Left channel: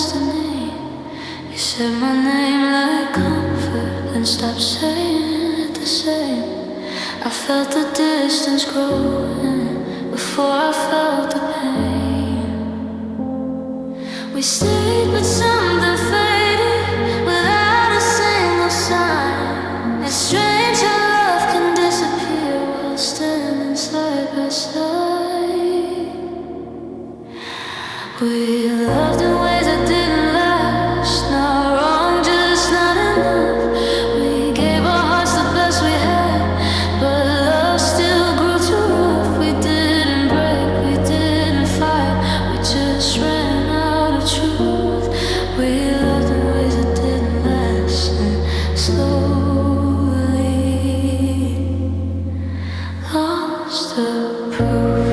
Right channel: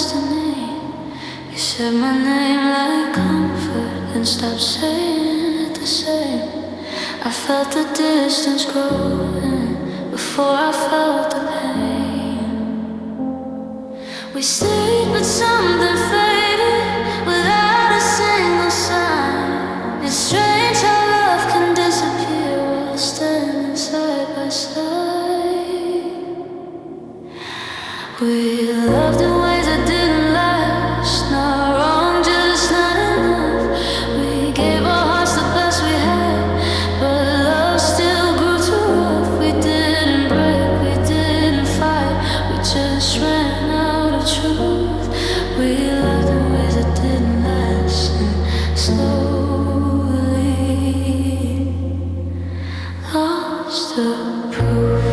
destiny. You said my name like comfort, then stopped saying it the same. I felt the distance growing before I felt the pain. We stayed, but something faded without a single sign. It's strange how love can disappear while standing side by side. We loved in ways that didn't last. Not wrong, just not enough. We gave our hearts the best we had, but love still grew too rough. We didn't break, we didn't fight, we just ran out of truth. We loved in ways that didn't last, and slowly lost the proof.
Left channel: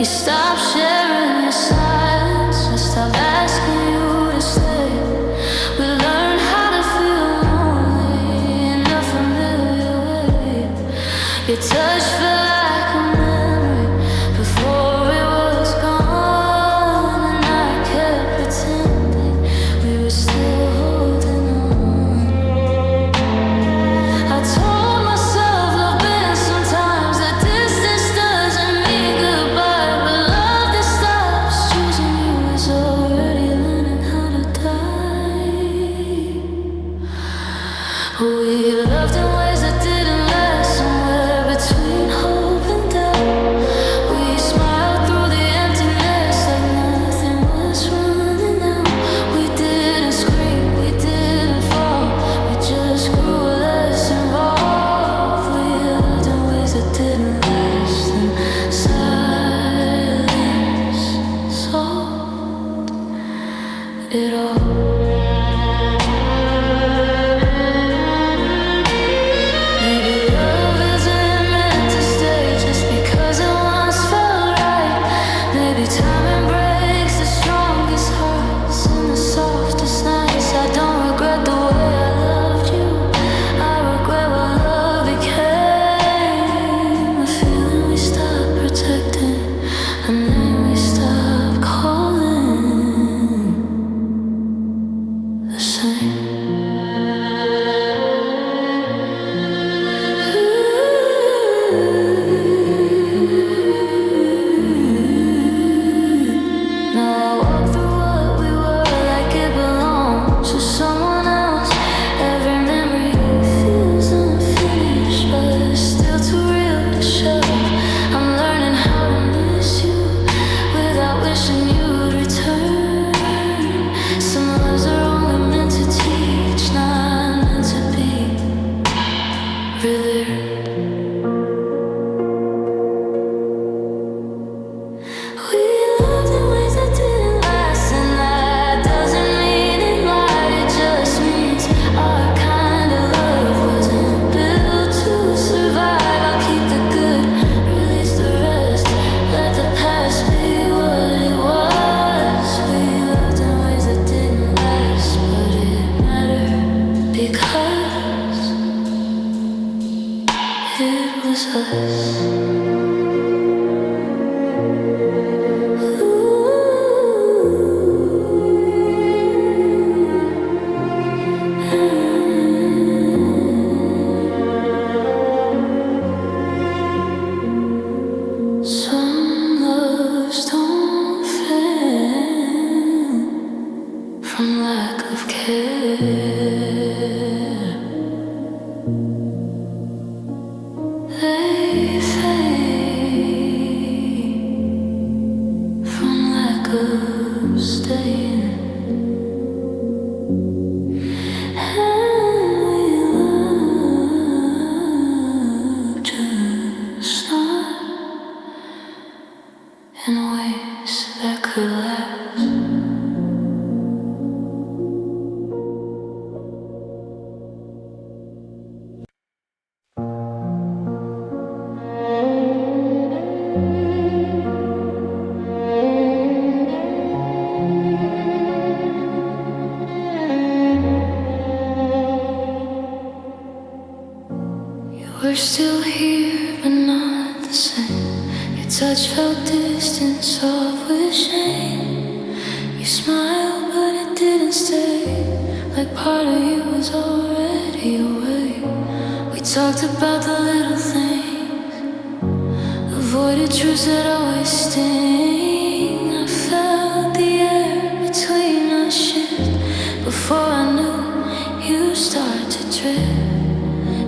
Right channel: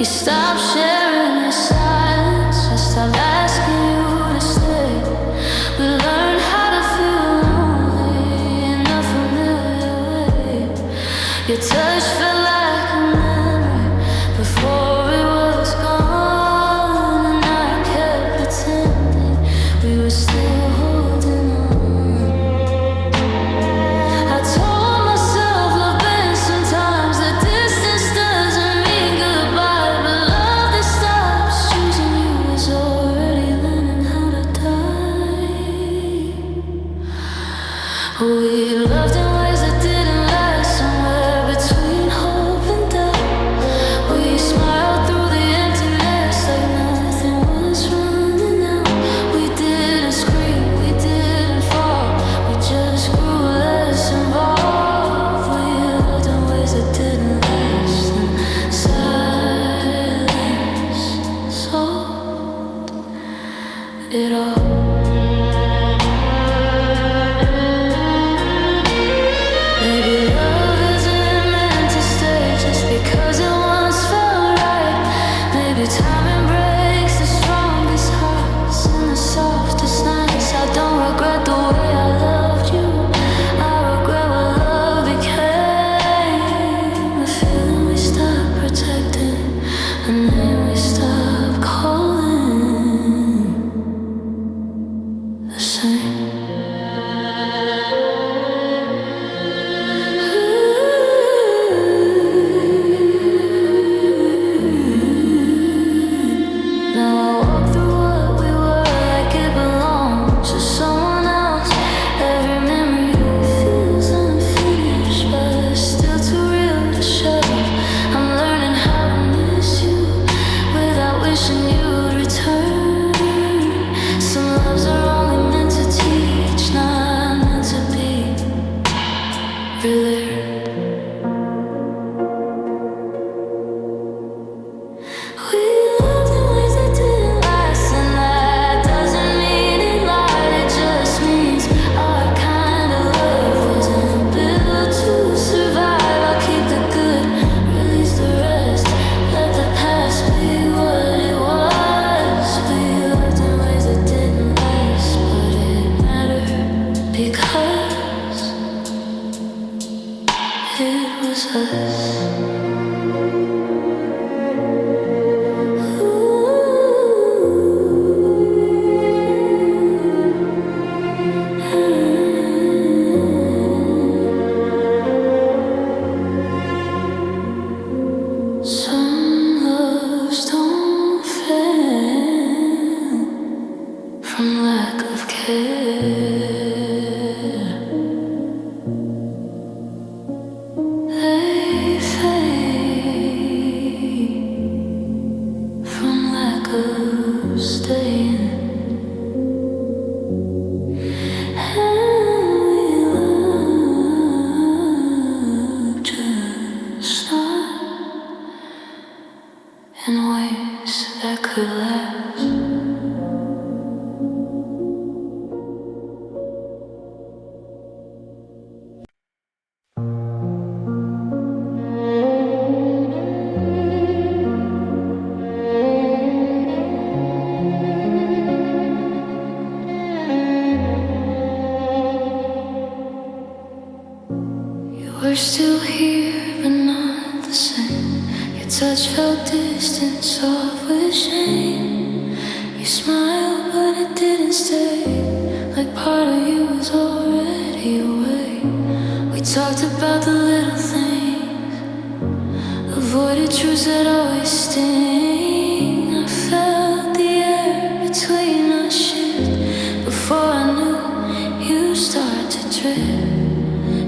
You stopped sharing your silence, I stopped asking you to stay. We learned how to feel lonely in a familiar way. Your touch felt like a memory before it was gone, and I kept pretending we were still holding on. I told myself love bends sometimes, the distance doesn't mean goodbye, but love that stops choosing you is already learning how to die. We loved in ways that didn't last, somewhere between hope and doubt. We smiled through the emptiness like nothing was running out. We didn't scream, we didn't fall, we just grew less involved. We loved in ways that didn't last, and silence solved it all. Maybe love isn't meant to stay just because it once felt right. Maybe timing breaks the strongest hearts in the softest nights. I don't regret the way I loved you, I regret what love became. A feeling we stopped protecting, a name we stopped calling the same. Now I walk through what we were like it belonged to someone else. Every memory feels unfinished, but still too real to show. I'm learning how to miss you without wishing you'd return. Some loves are only meant to teach, not meant to be really. We loved in ways that didn't last, and that doesn't mean it lied. It just means our kind of love wasn't built to survive. I'll keep the good, release the rest, let the past be what it was. We loved in ways that didn't last, but it mattered because it was us. Some loves don't fail from lack of care. They fade from lack of staying. And we love just not in ways that could last. We're still here, but not the same. Your touch felt distant, soft with shame. You smiled, but it didn't stay. Like part of you was already away. We talked about the little things, avoided truths that always sting. I felt the air between us shift. Before I knew, you start to drift.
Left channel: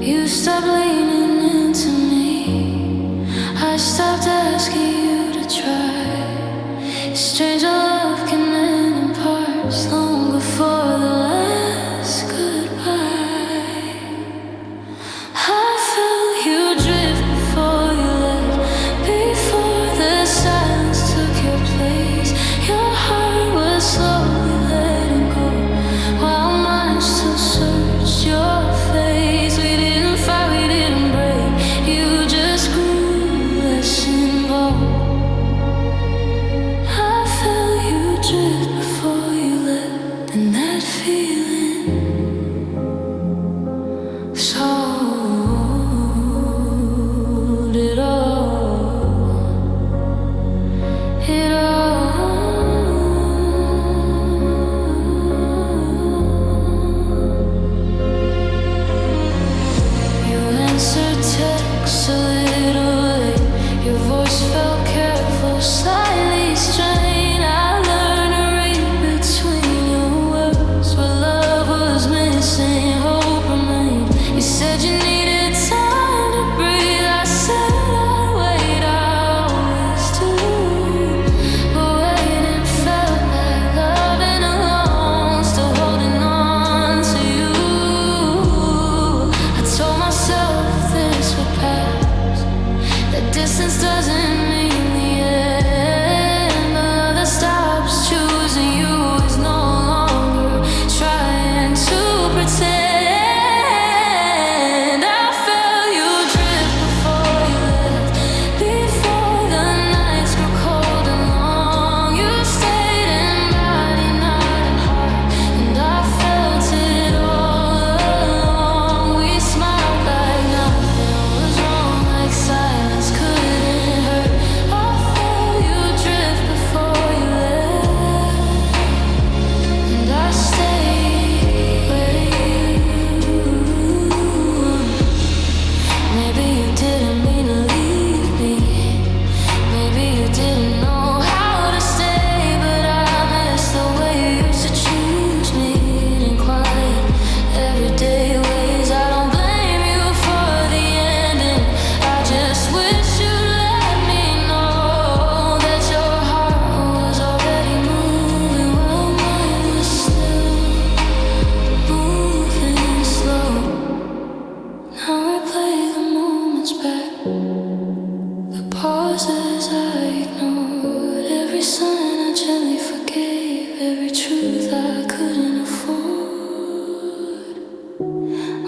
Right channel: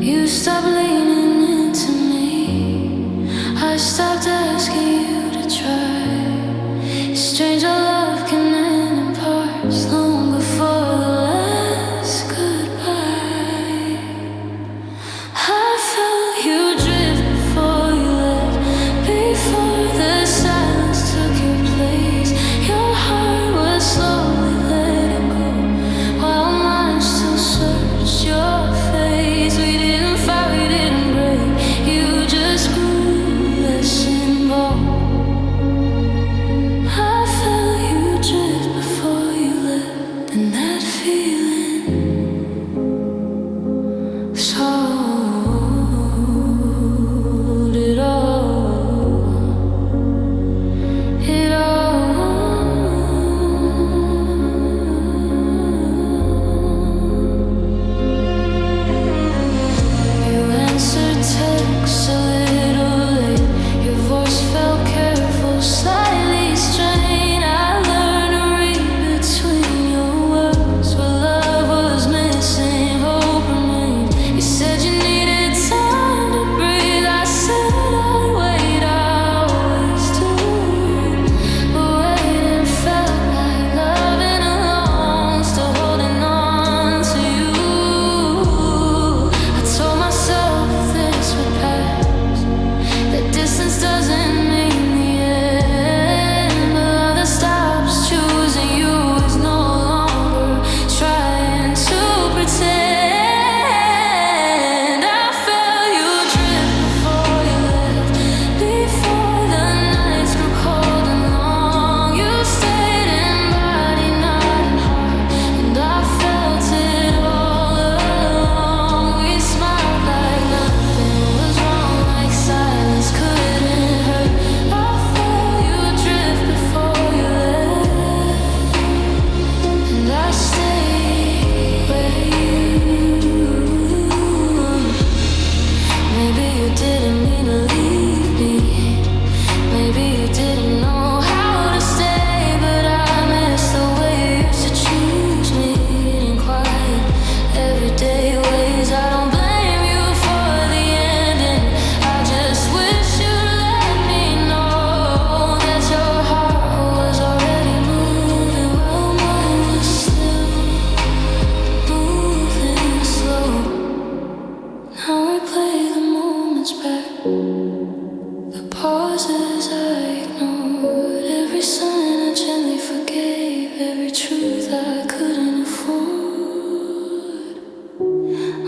You stopped leaning into me. I stopped asking you to try. It's strange how love can end in parts long before the last goodbye. I felt you drift before you left, before the silence took your place. Your heart was slowly letting go, while mine still searched your face. We didn't fight, we didn't break. You just grew less involved. I felt you drift before you left, and that feeling sold it all. It all. You answered texts a little late. Your voice felt careful, slightly strained. I learned to read between your words. Where love was missing, hope remained. You said you needed time to breathe. I said I'd wait, I always do. But waiting felt like loving alone, still holding on to you. I told myself this would pass, that distance doesn't mean the end. But love that stops choosing you is no longer trying to pretend. I felt you drift before you left, before the nights grew cold and long. You stayed in body, not in heart, and I felt it all along. We smiled like nothing was wrong, like silence couldn't hurt. I felt you drift before you left, and I stayed where you. Maybe you didn't mean to leave me. Maybe you didn't know how to stay, but I miss the way you used to choose me in quiet, everyday ways. I don't blame you for the ending. I just wish you'd let me know that your heart was already moving while mine was still moving slow. Now replay the moments back, the pauses I ignored, every sign I gently forgave, every truth I couldn't afford.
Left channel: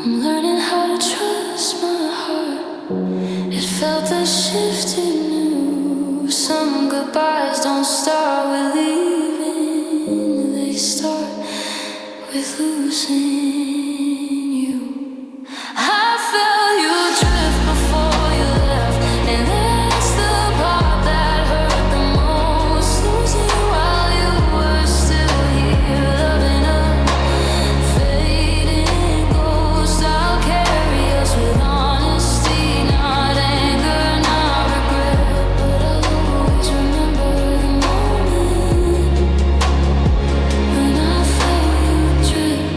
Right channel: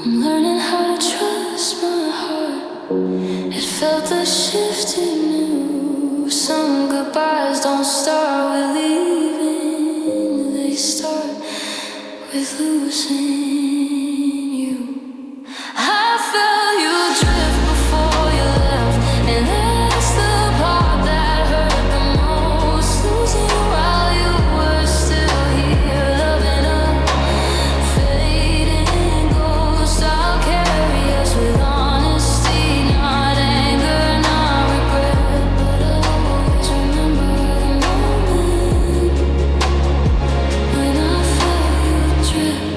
I'm learning how to trust my heart. It felt a shift it knew. Some goodbyes don't start with leaving, they start with losing you. I felt you drift before you left, and that's the part that hurt the most. Losing you while you were still here, loving a fading ghost. I'll carry us with honesty, not anger, not regret. But I'll always remember the moment when I felt you drift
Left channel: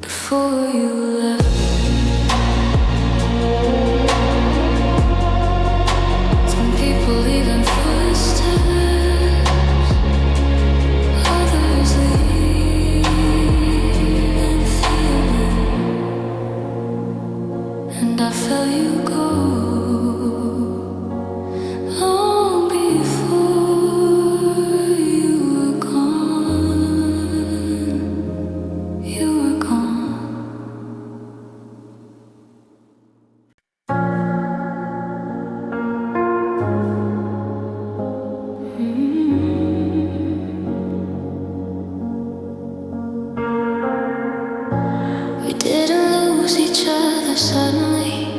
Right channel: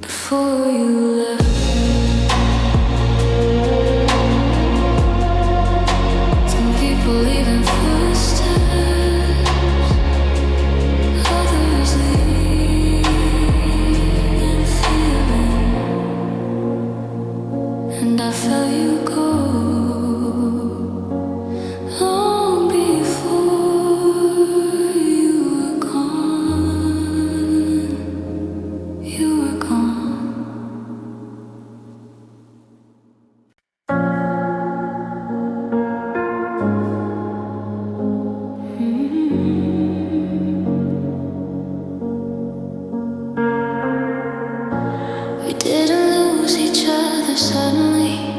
before you left. Some people leaving footsteps, others leaving feeling. And I felt you go long before you were gone. You were gone. We didn't lose lose each other suddenly.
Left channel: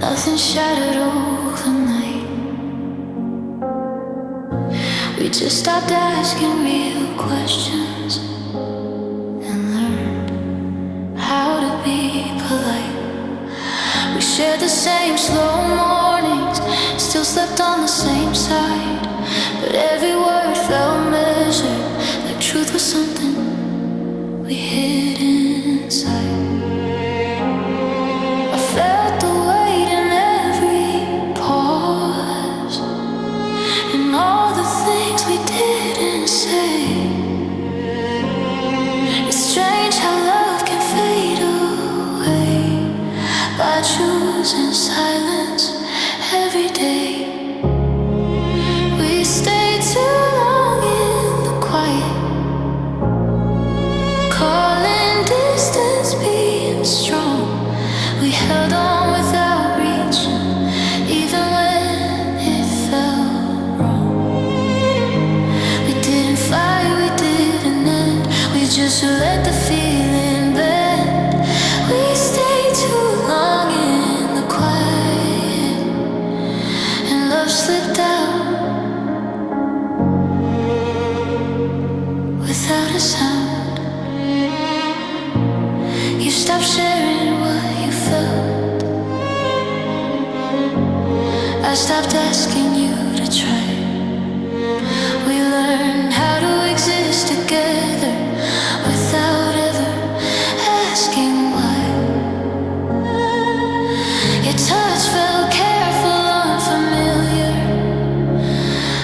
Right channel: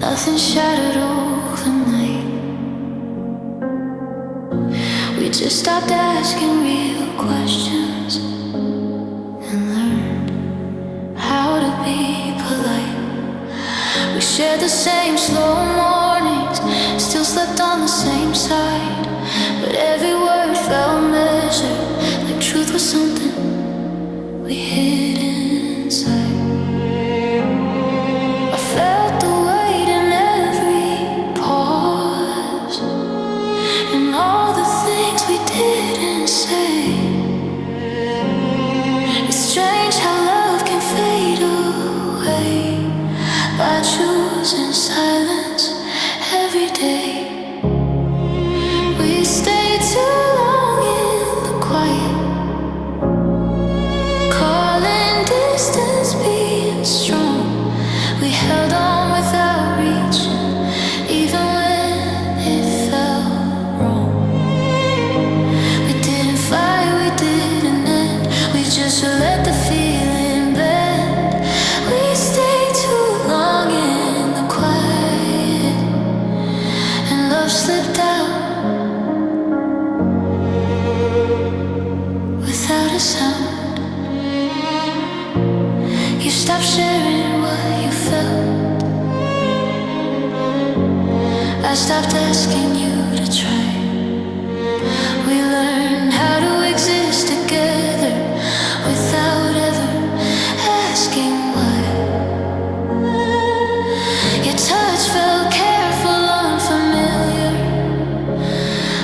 Nothing shattered overnight. We just stopped asking real questions and learned how to be polite. We shared the same slow mornings, still slept on the same side, but every word felt measured, like truth was something we hid inside. I felt the weight in every pause, and all the things we didn't say. It's strange how love can fade away by choosing silence every day. We stayed too long in the quiet, calling distance being strong. We held on without reaching, even when it felt wrong. We didn't fight, we didn't end, we just let the feeling bend. We stayed too long in the quiet, and love slipped out without a sound. You stopped sharing what you felt. I stopped asking you to try. We learned how to exist together without ever asking why. Your touch felt careful, unfamiliar,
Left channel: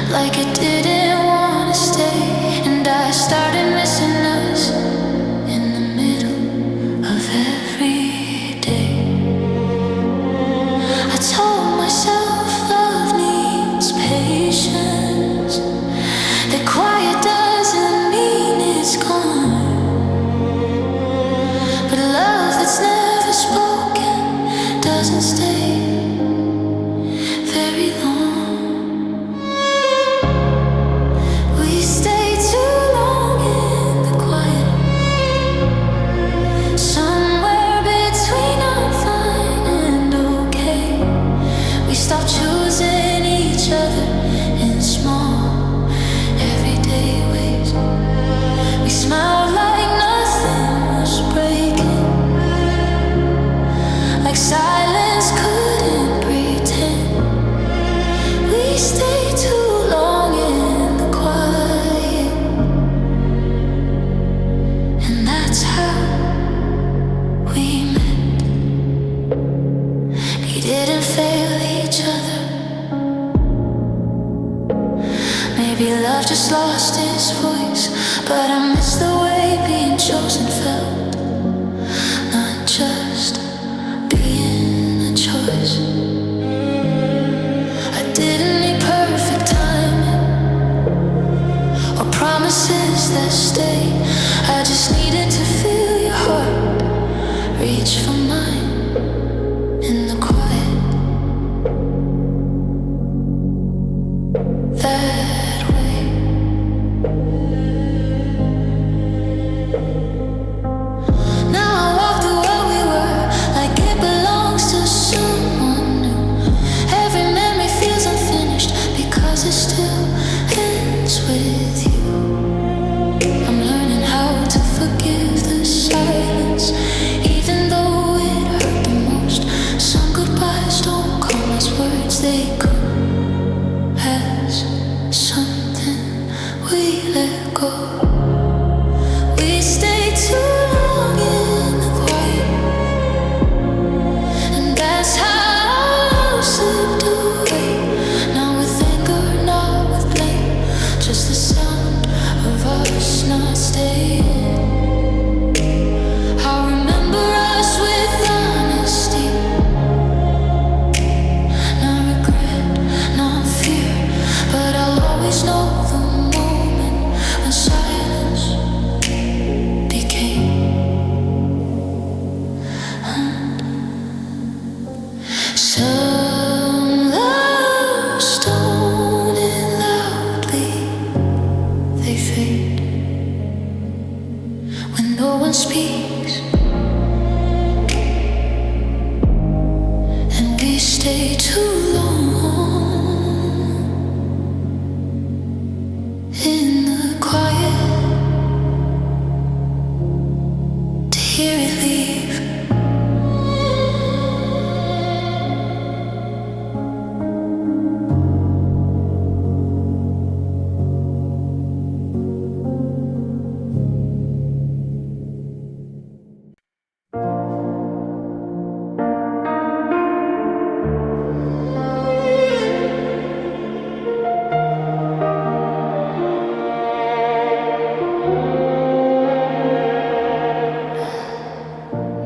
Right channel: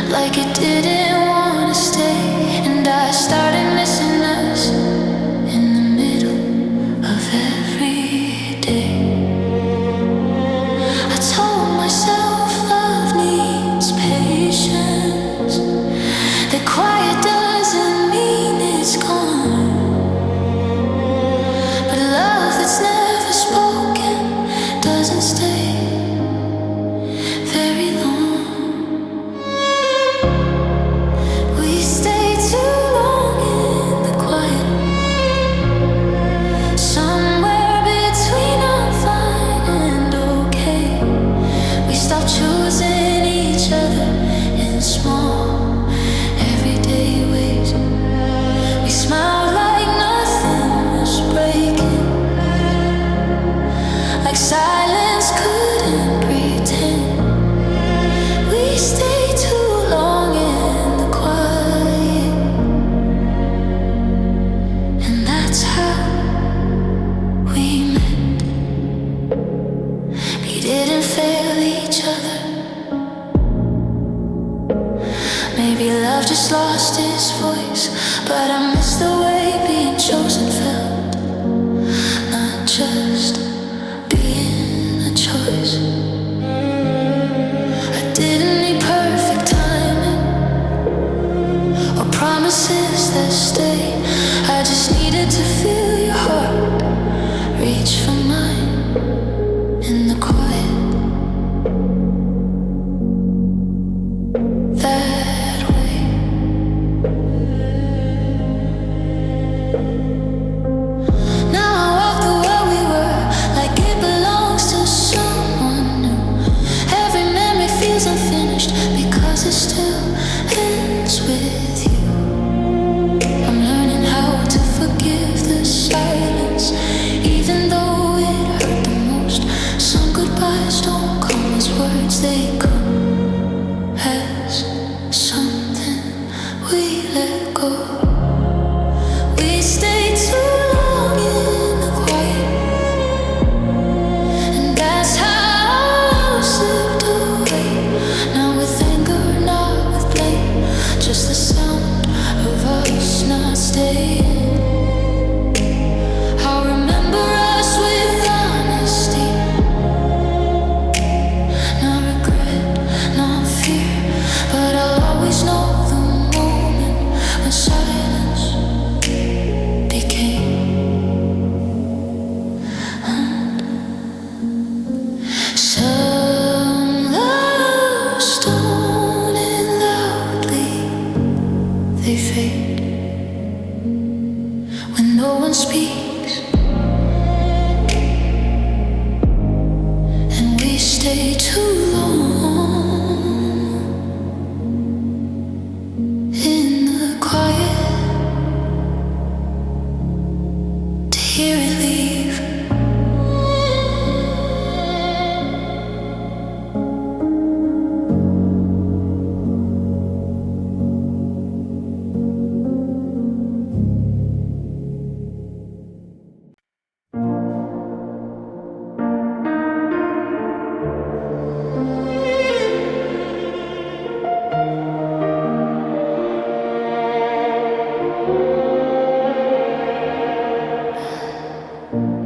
like it didn't want to stay. And I started missing us in the middle of every day. I told myself love needs patience, that quiet doesn't mean it's gone, but love that's never spoken doesn't stay very long. We stayed too long in the quiet, somewhere between I'm fine and okay. We stopped choosing each other in small, everyday ways. We smiled like nothing was breaking, like silence couldn't pretend. We stayed too long in the quiet, and that's how we met. We didn't fail each other. Maybe love just lost its voice, but I miss the way being chosen felt, not just being a choice. I didn't need perfect timing or promises that stay. I just needed to feel your heart reach for mine in the quiet. That way. Now I walk through what we were, like it belongs to someone new. Every memory feels unfinished because it still ends with you. I'm learning how to forgive the silence, even though it hurt the most. Some goodbyes don't come as words, they come as something we let go. We stayed too long in the quiet, and that's how love slipped away. Not with anger, not with blame, just the sound of us not staying. I'll remember us with honesty, not regret, not fear, but I'll always know the moment when silence became some love stolen loudly. They fade when no one speaks, stay too long in the quiet to hear it leave.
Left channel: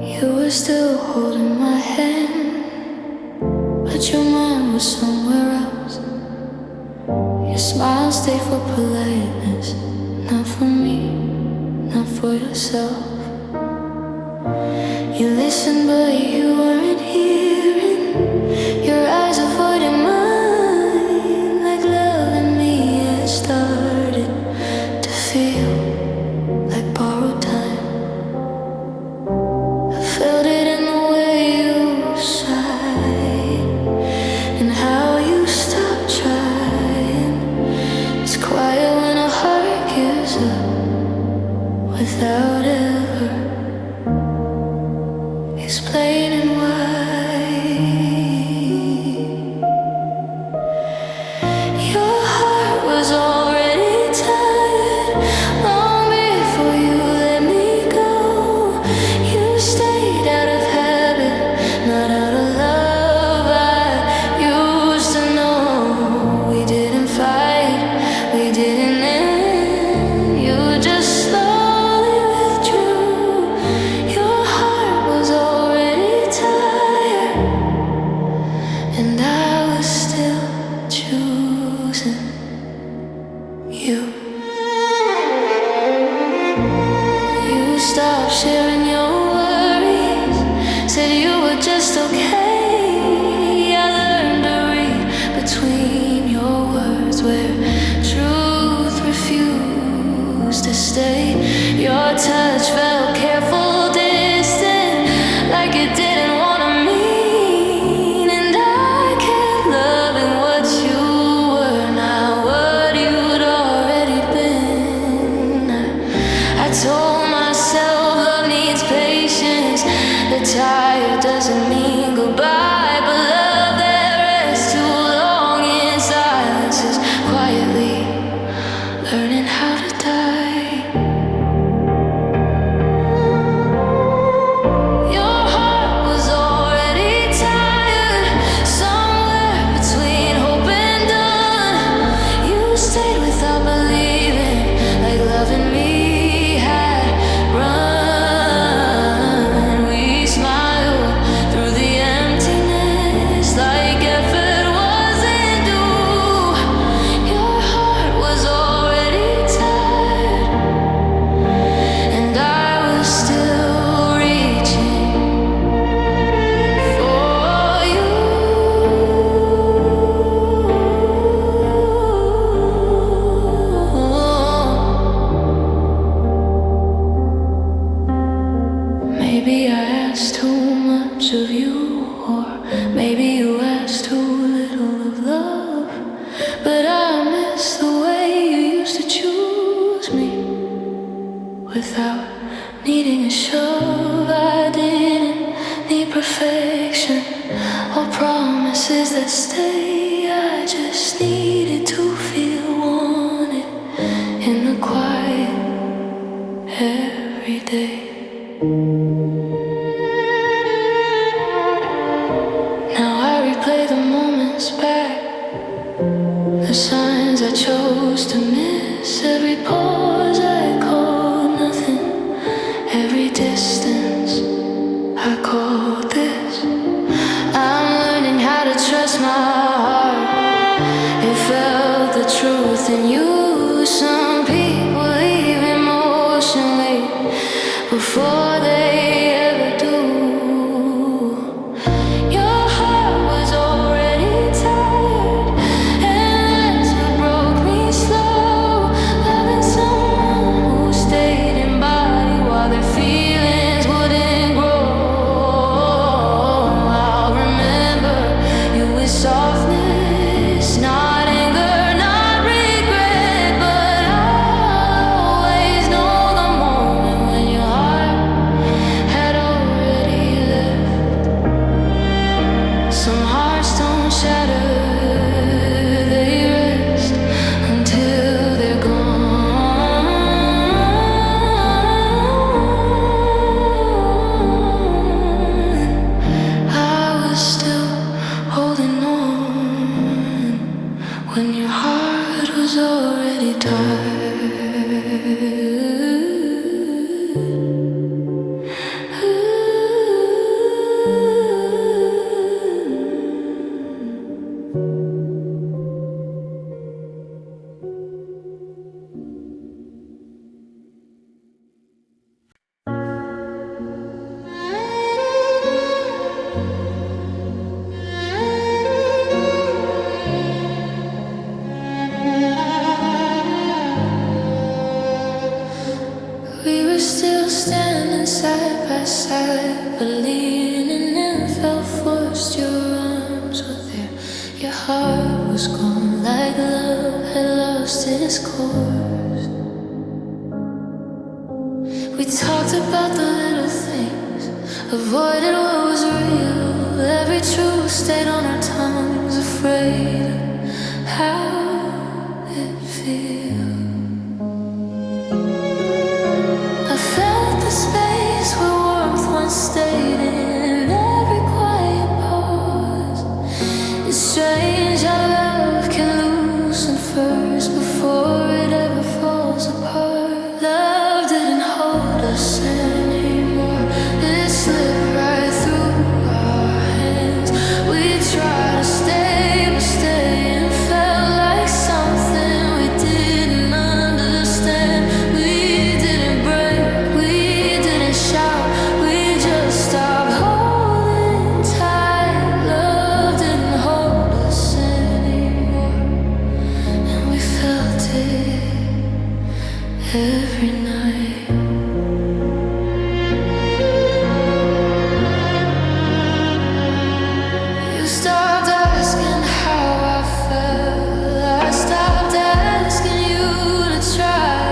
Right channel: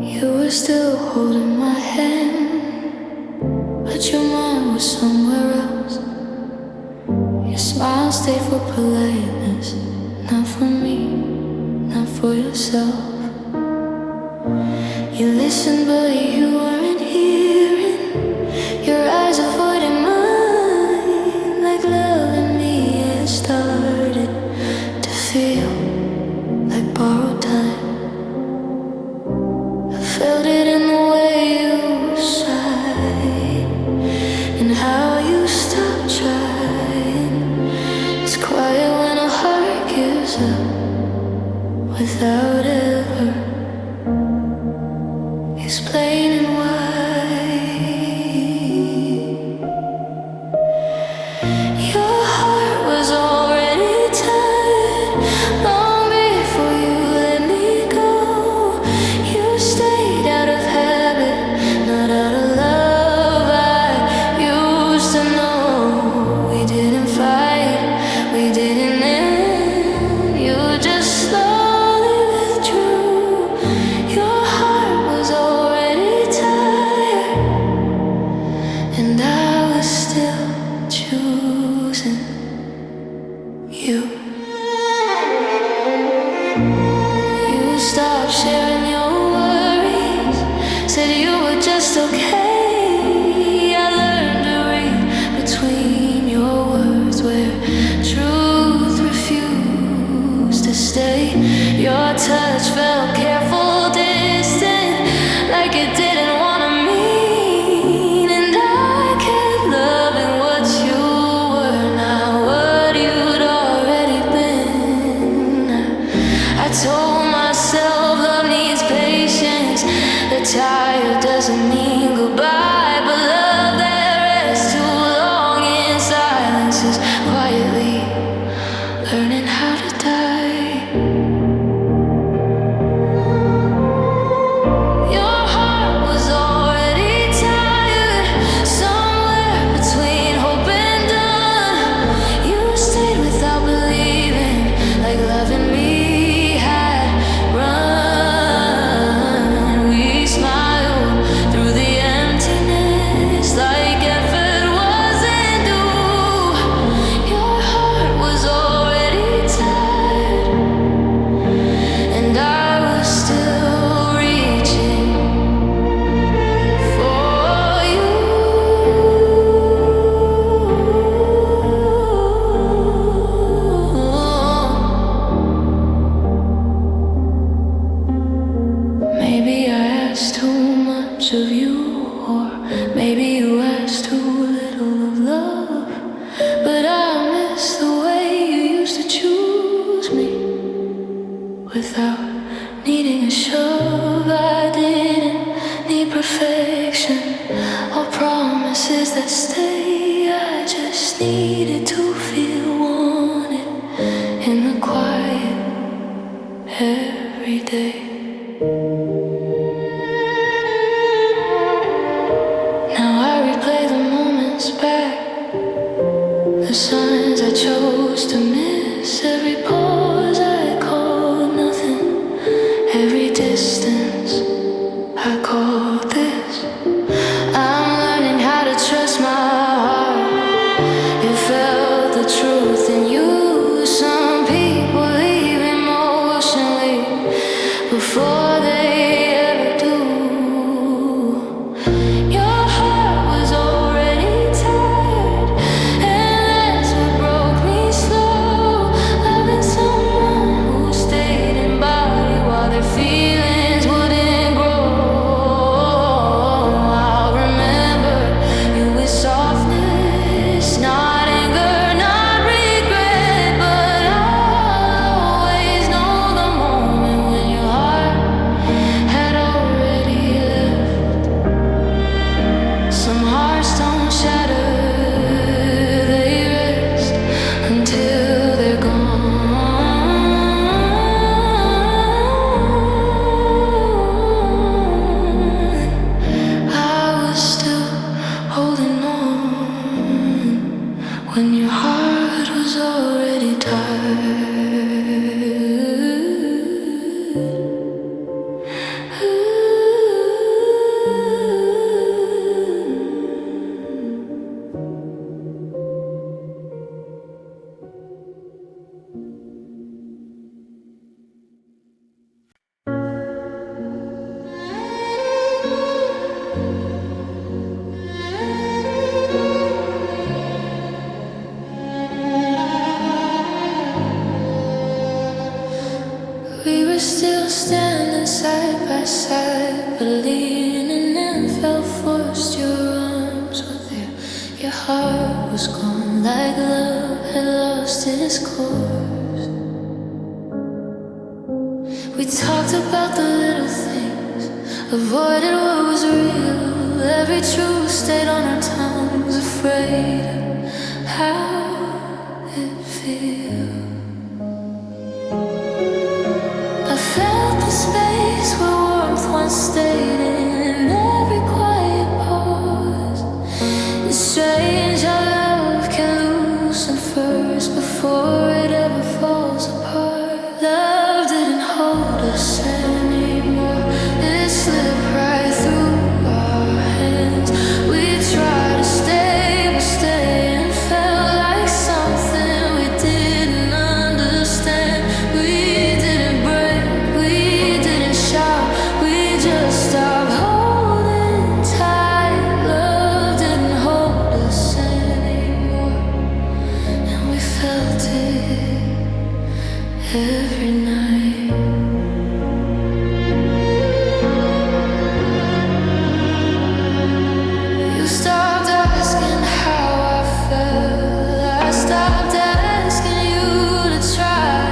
You were still holding my hand, but your mind was somewhere else. Your smile stayed for politeness, not for me, not for yourself. You listened but you weren't hearing. Your eyes avoided mine, like love in me had started to feel like borrowed time. Felt it in the way you sighed and how you stopped trying. It's quiet when a heart gives up without ever explaining why. Your heart was already tired long before you let me go. You stayed out of habit, not out of love. I used to know we didn't fight, we didn't end. You just slowly withdrew. Your heart was already tired, and I was still choosing you. You stopped sharing your worries, said you were just okay. I learned to read between your words where truth refused to stay. Your touch felt careful, distant, like it didn't want to mean. And I kept loving what you were, not what you'd already been. I told myself love needs patience, that tired doesn't mean goodbye, but love that rests too long in silence is quietly learning how to die. Your heart was already tired, somewhere between hope and done. You stayed without believing, like loving me had run. We smiled through the emptiness, like effort wasn't due. Your heart was already tired, and I was still reaching for you. Maybe I asked too much of you, or maybe you asked too little of love. But I miss the way you used to choose me without needing a shove. I didn't need perfection or promises that stay. I just needed to feel wanted in the quiet every day. Now I replay the moments back, the signs I chose to miss, every pause I called nothing, every distance I called this. I'm learning how to trust my heart. It felt the truth in you. Some people leave emotionally before they ever do. Your heart was already tired, and that's what broke me slow. Loving someone who stayed in body while their feelings wouldn't grow. I'll remember you side, but leaning in felt forced. Your arms were there, your heart was gone, like love had lost its course. We talked about the little things, avoided what was real. Every truth stayed on our tongues, afraid of how it feels. I felt the space where warmth once stayed in every quiet pause. It's strange how love can loosen first before it ever falls apart. Love didn't hold us anymore, it slipped right through our hands. We tried to stay, but staying felt like something we didn't understand. We didn't break, we didn't shout, we just stopped holding tight. Love didn't hold us anymore, and we felt it every night. You stopped asking how I felt, I stopped asking you to try.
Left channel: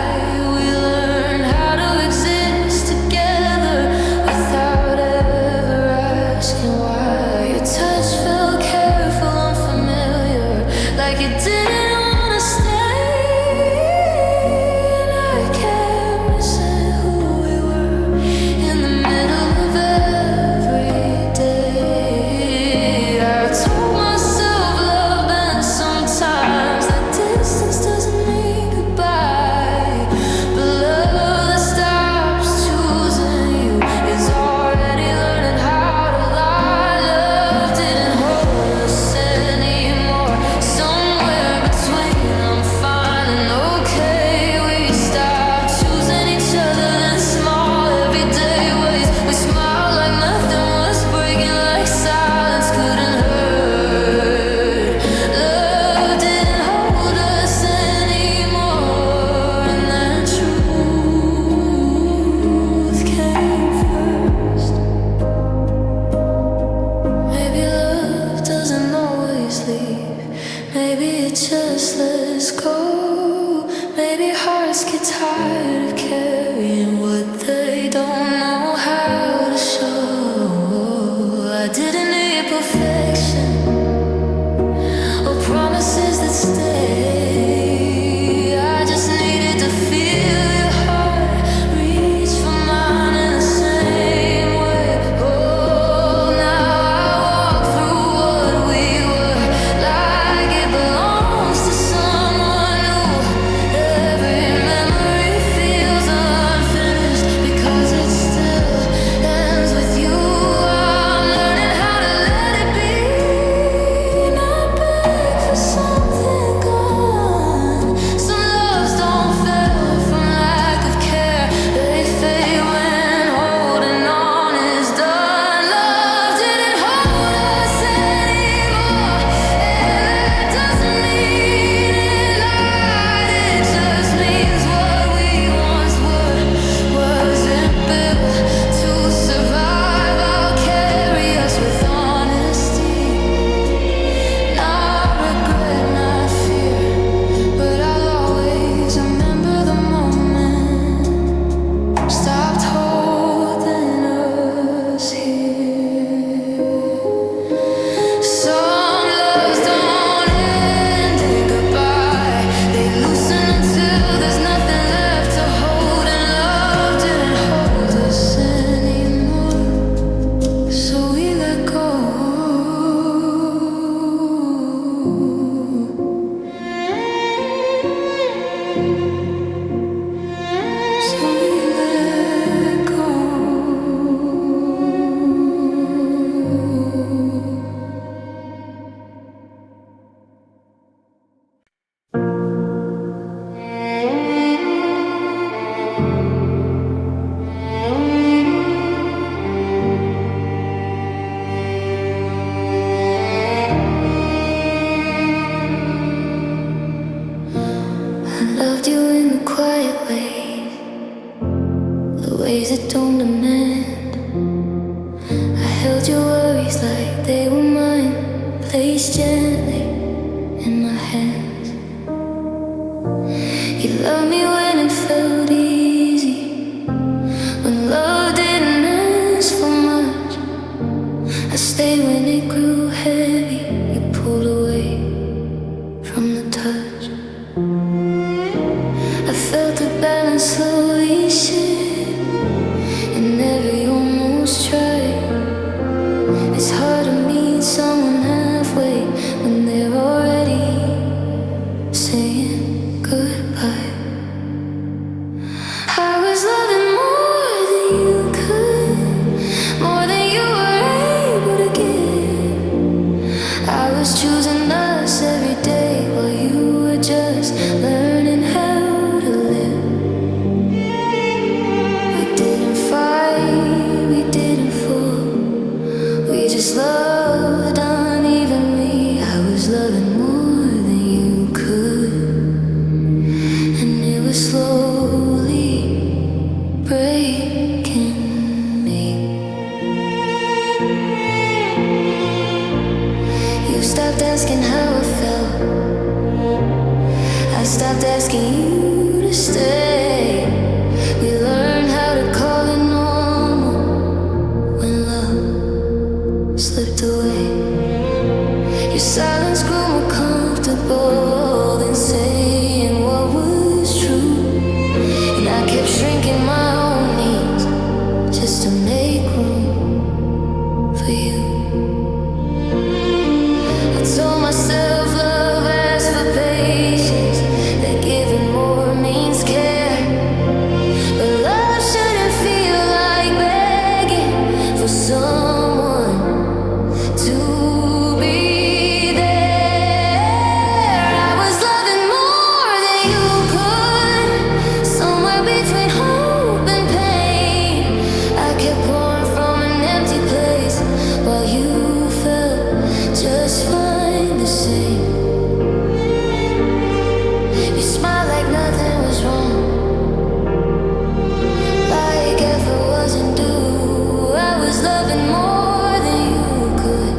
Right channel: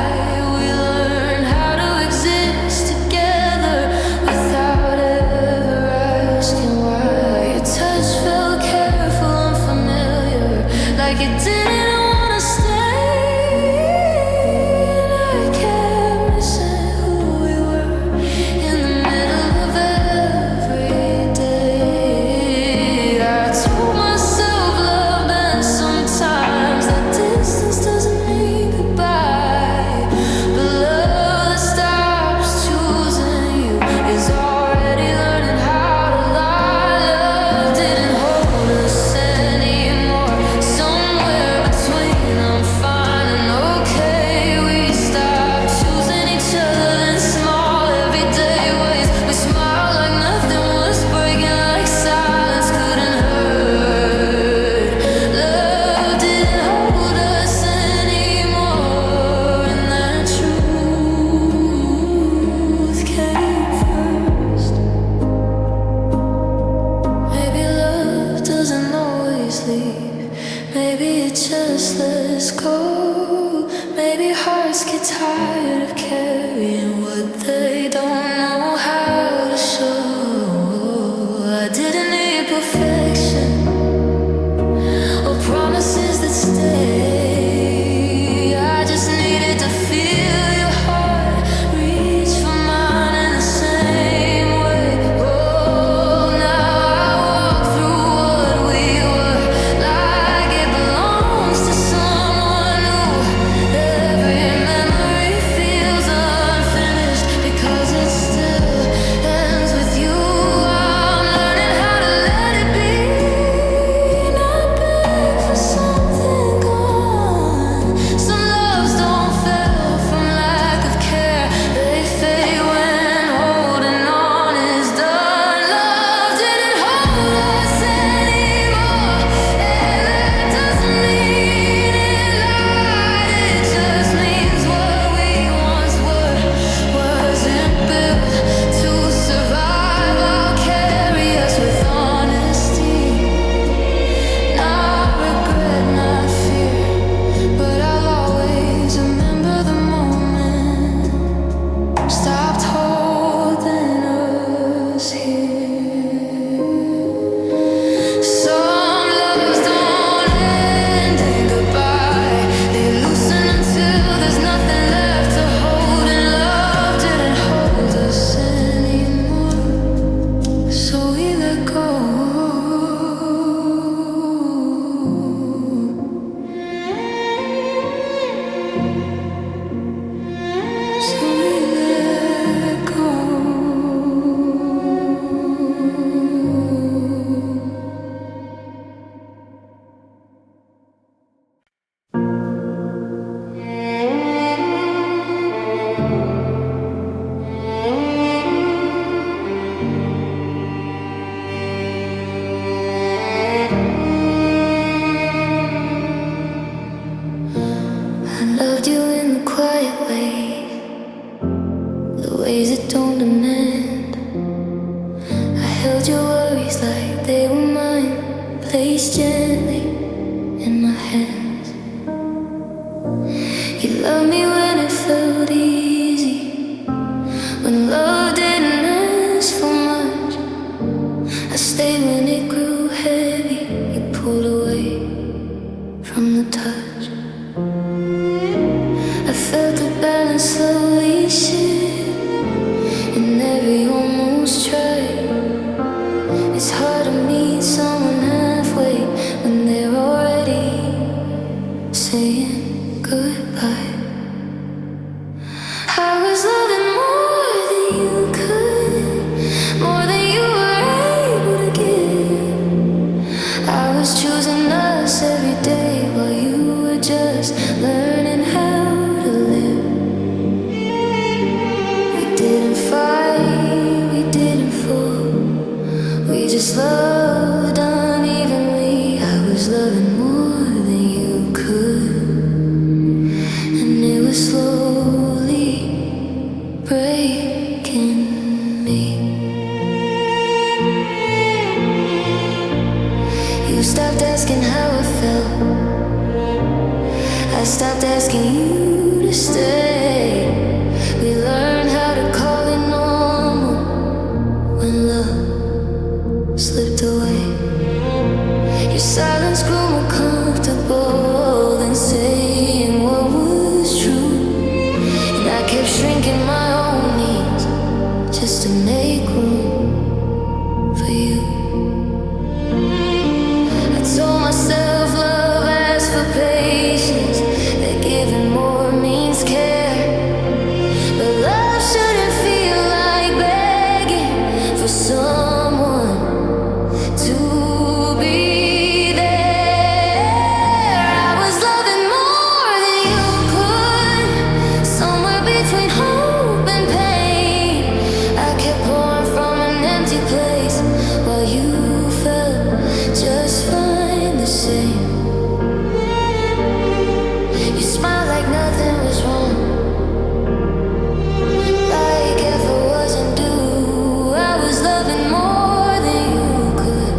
We learned how to exist together without ever asking why. Your touch felt careful, unfamiliar, like it didn't want to stay. Maybe it just lets go. Maybe hearts get tired of carrying what they don't know how to show. I didn't need perfection or promises that stay. I just needed to feel your heart reach for mine in the same way. Oh, now I walk through what we were, like it belongs to someone new. Every memory feels unfinished because it still ends with you. I'm learning how to let it be, not beg for something gone. Some loves don't fail from lack of care, they fade when holding on is done. Love didn't hold us anymore, and that doesn't mean it lied. It just means what we once were wasn't built to survive. I'll carry us with honesty, not regret, not fear, but I'll always remember the moment stopped holding us here. Some loves don't end in goodbye, they loosen until there's nothing left to hold. And love didn't hold us anymore, so we let go. So we let go. I loved you in the quiet ways, the ways that don't demand held your worries like they were mine, placed gently in my hands. You loved me when it felt easy, when love didn't ask for much. I stayed when it grew heavy. You pulled away from the touch. I felt the balance slowly shift in every almost try. It's hard to meet someone halfway when they're already saying goodbye. I was loving more than you could, more than you were able to give. I was choosing us every day while you were just learning how to live. We didn't fight, we didn't fall, we just loved unevenly. I was loving more than you could, and it was slowly breaking me. You stopped asking how I felt, I stopped asking you to stay. We learned how to call it normal when love slipped away. Your silence grew more comfortable than saying what was true, and I kept shrinking my own needs just to make room for you. I told myself love asks for patience, that giving more means care, but love shouldn't feel like begging for someone to be there. I was loving more than you could, somewhere between hope and pain. I kept pouring from an empty place while you felt just fine the same. You smiled like nothing was wrong, like effort wasn't due. I was loving more than you could,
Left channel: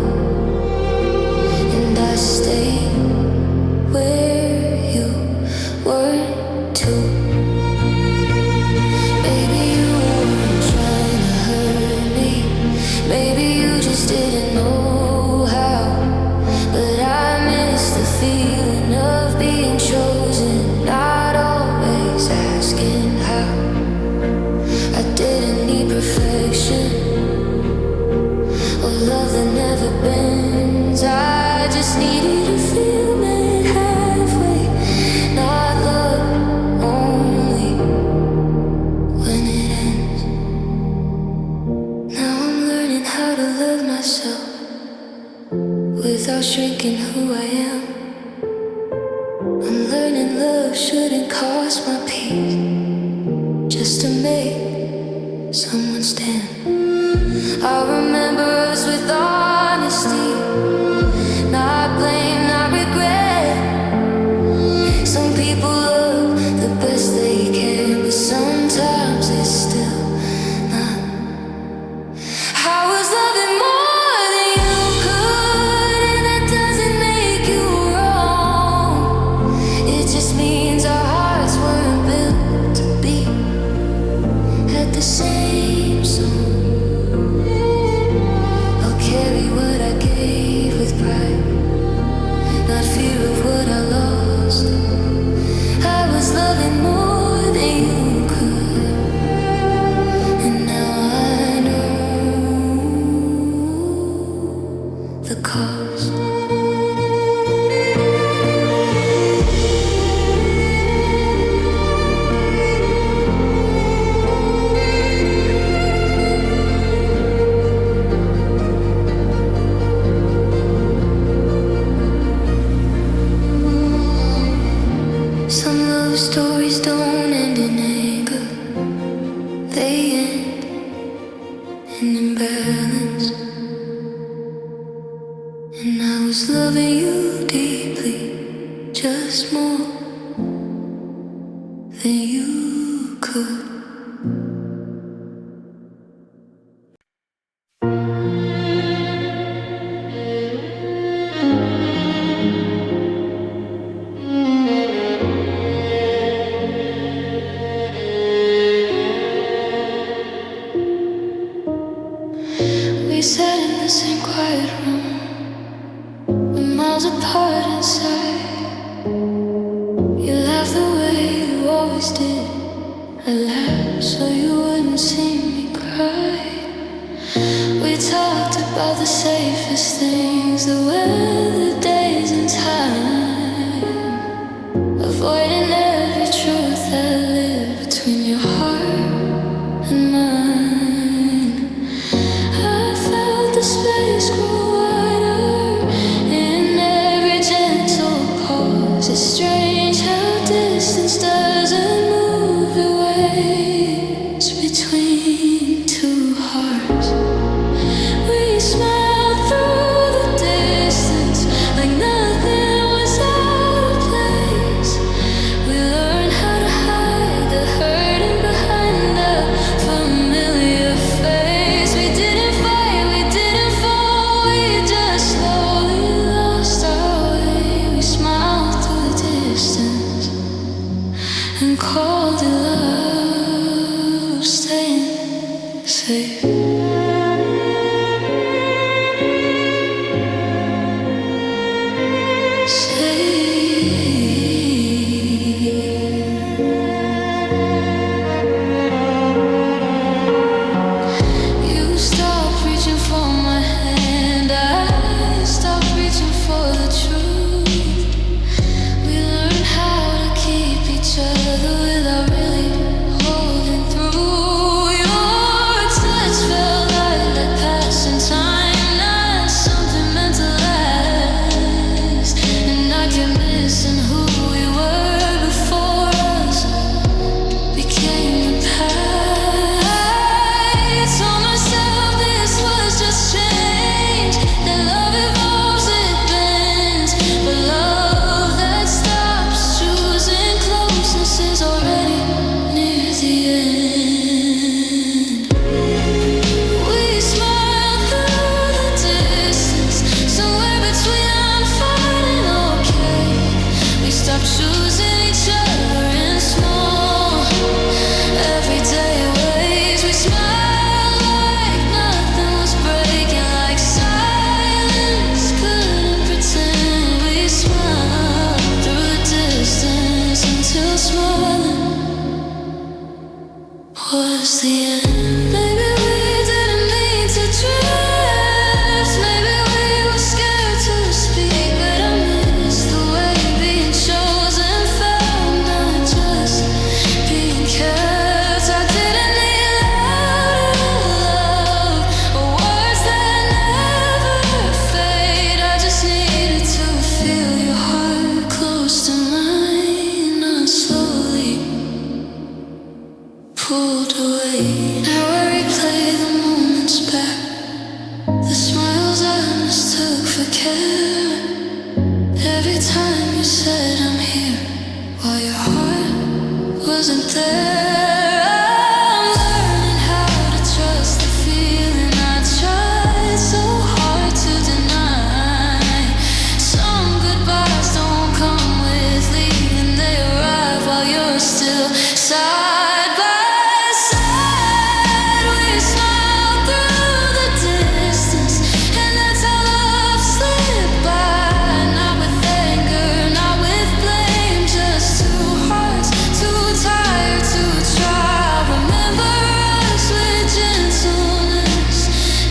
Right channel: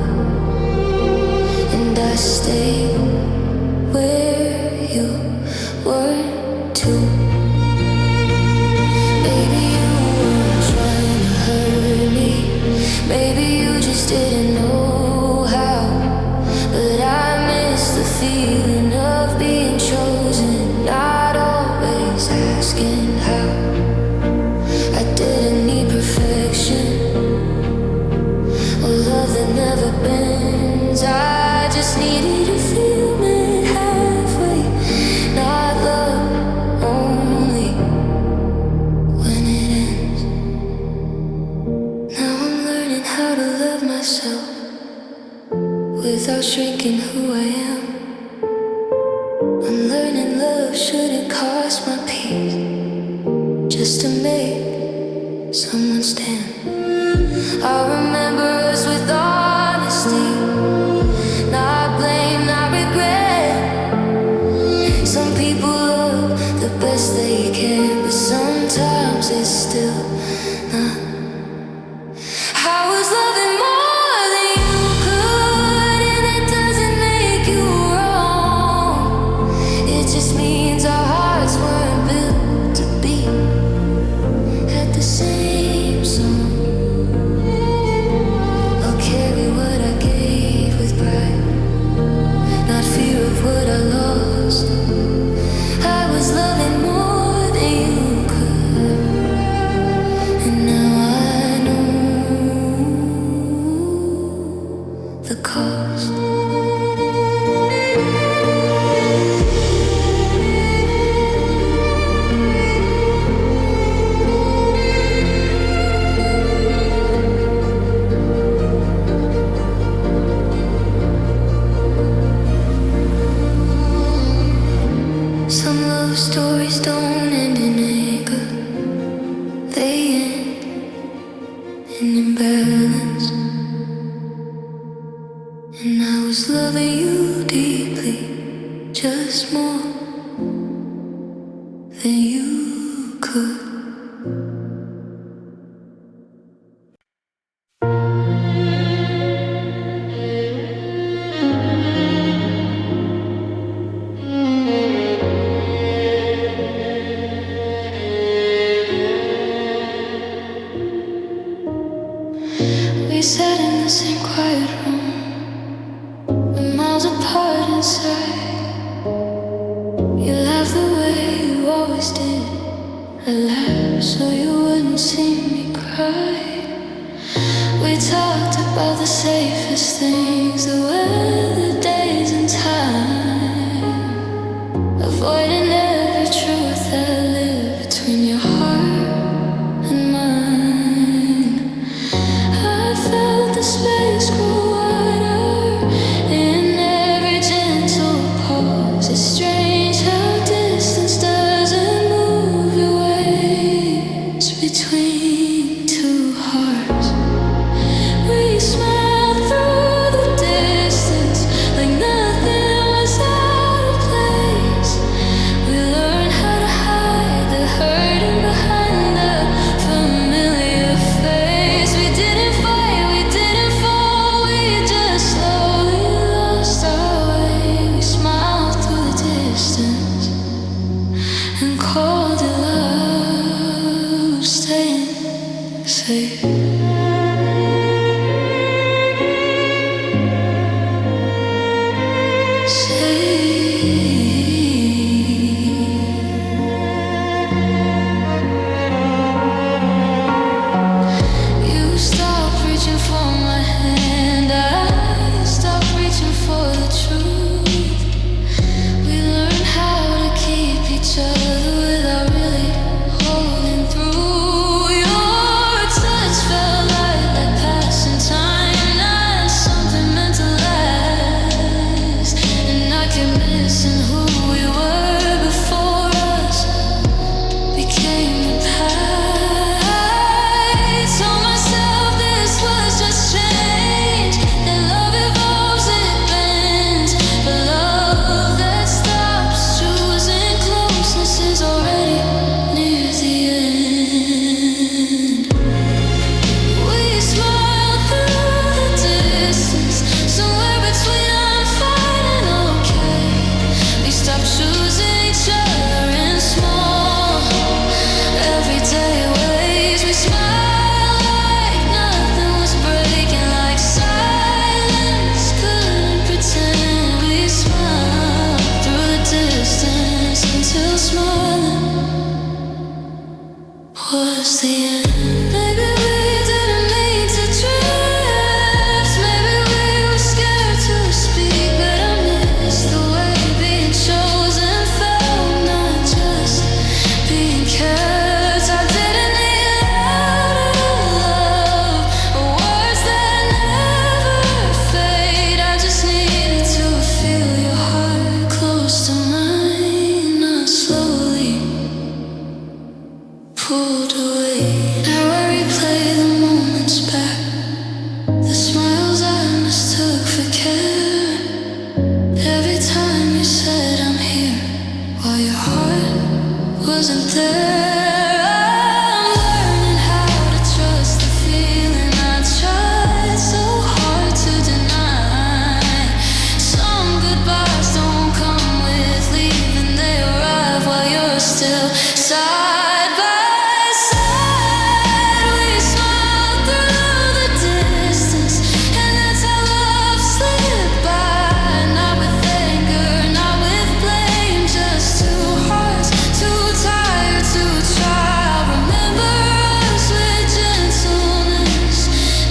and I stayed where you weren't too. Maybe you weren't trying to hurt me, maybe you just didn't know how, but I miss the feeling of being chosen, not always asking how. I didn't need perfection or love that never bends. I just needed to feel met halfway, not love only when it ends. Now I'm learning how to love myself without shrinking who I am. I'm learning love shouldn't cost my peace just to make someone stand. I'll remember us with honesty, not blame, not regret. Some people love the best they can, but sometimes it's still not. I was loving more than you could, and that doesn't make you wrong. It just means our hearts weren't built to be at the same song. I'll carry what I gave with pride, not fear of what I lost. I was loving more than you could, and now I know the cost. Some love stories don't end in anger, they end in imbalance. And I was loving you deeply, just more than you could. We sat in the same quiet room, we're miles apart inside. You laughed the way you always did. I laughed so you wouldn't see me cry. We talked about the safest things, the weather, days and time, avoiding every truth that lived between your heart and mine. I felt the space grow wider in every gentle pause. It's strange how distance doesn't move your ways between two hearts. We smiled through the distance like nothing was out of place. We learned how to hide the hurting behind a familiar face. We didn't fight, we didn't fall, we just slowly lost our way. We smiled through the distance and called it love, staying safe. For my hand, I stopped reaching for the truth. We learned how to keep each other without really holding through. Your touch felt like passing time, not something meant to last. And I kept missing who we were before us became the past. Is already near the end. We smiled through the distance, somewhere between I'm fine and okay. We stopped choosing each other in small, everyday ways. We smiled like nothing was breaking, like silence couldn't pretend. We smiled through the distance until smiling was the end. Maybe we didn't mean to drift, maybe we were scared to speak, but I missed the way being chosen felt, not just being kept. I didn't need louder love or words that never fade. I just needed to feel your heart close to mine, not slowly pulled away. Now I replay the moments back, the smiles I mistook for care. Every time you said I'm here, while your heart wasn't there. I'm learning how to trust the feeling I tried so hard to deny. Some goodbyes don't come with leaving, they arrive while you're still side by side. We smiled through the distance, and that's how love slipped by. Not with anger, not with blame, just two hearts too tired to try. Remember us with gentleness,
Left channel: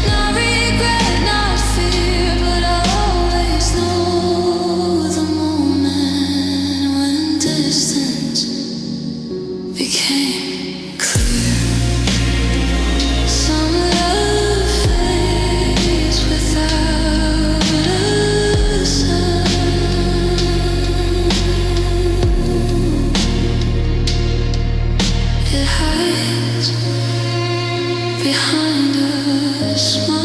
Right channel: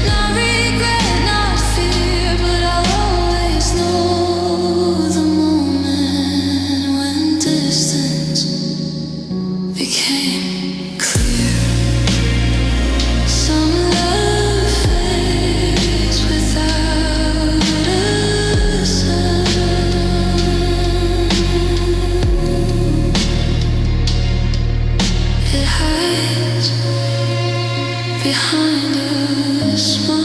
not regret, not fear, but I'll always know the moment when distance became clear. Some love fades without a sound. It hides behind a smile,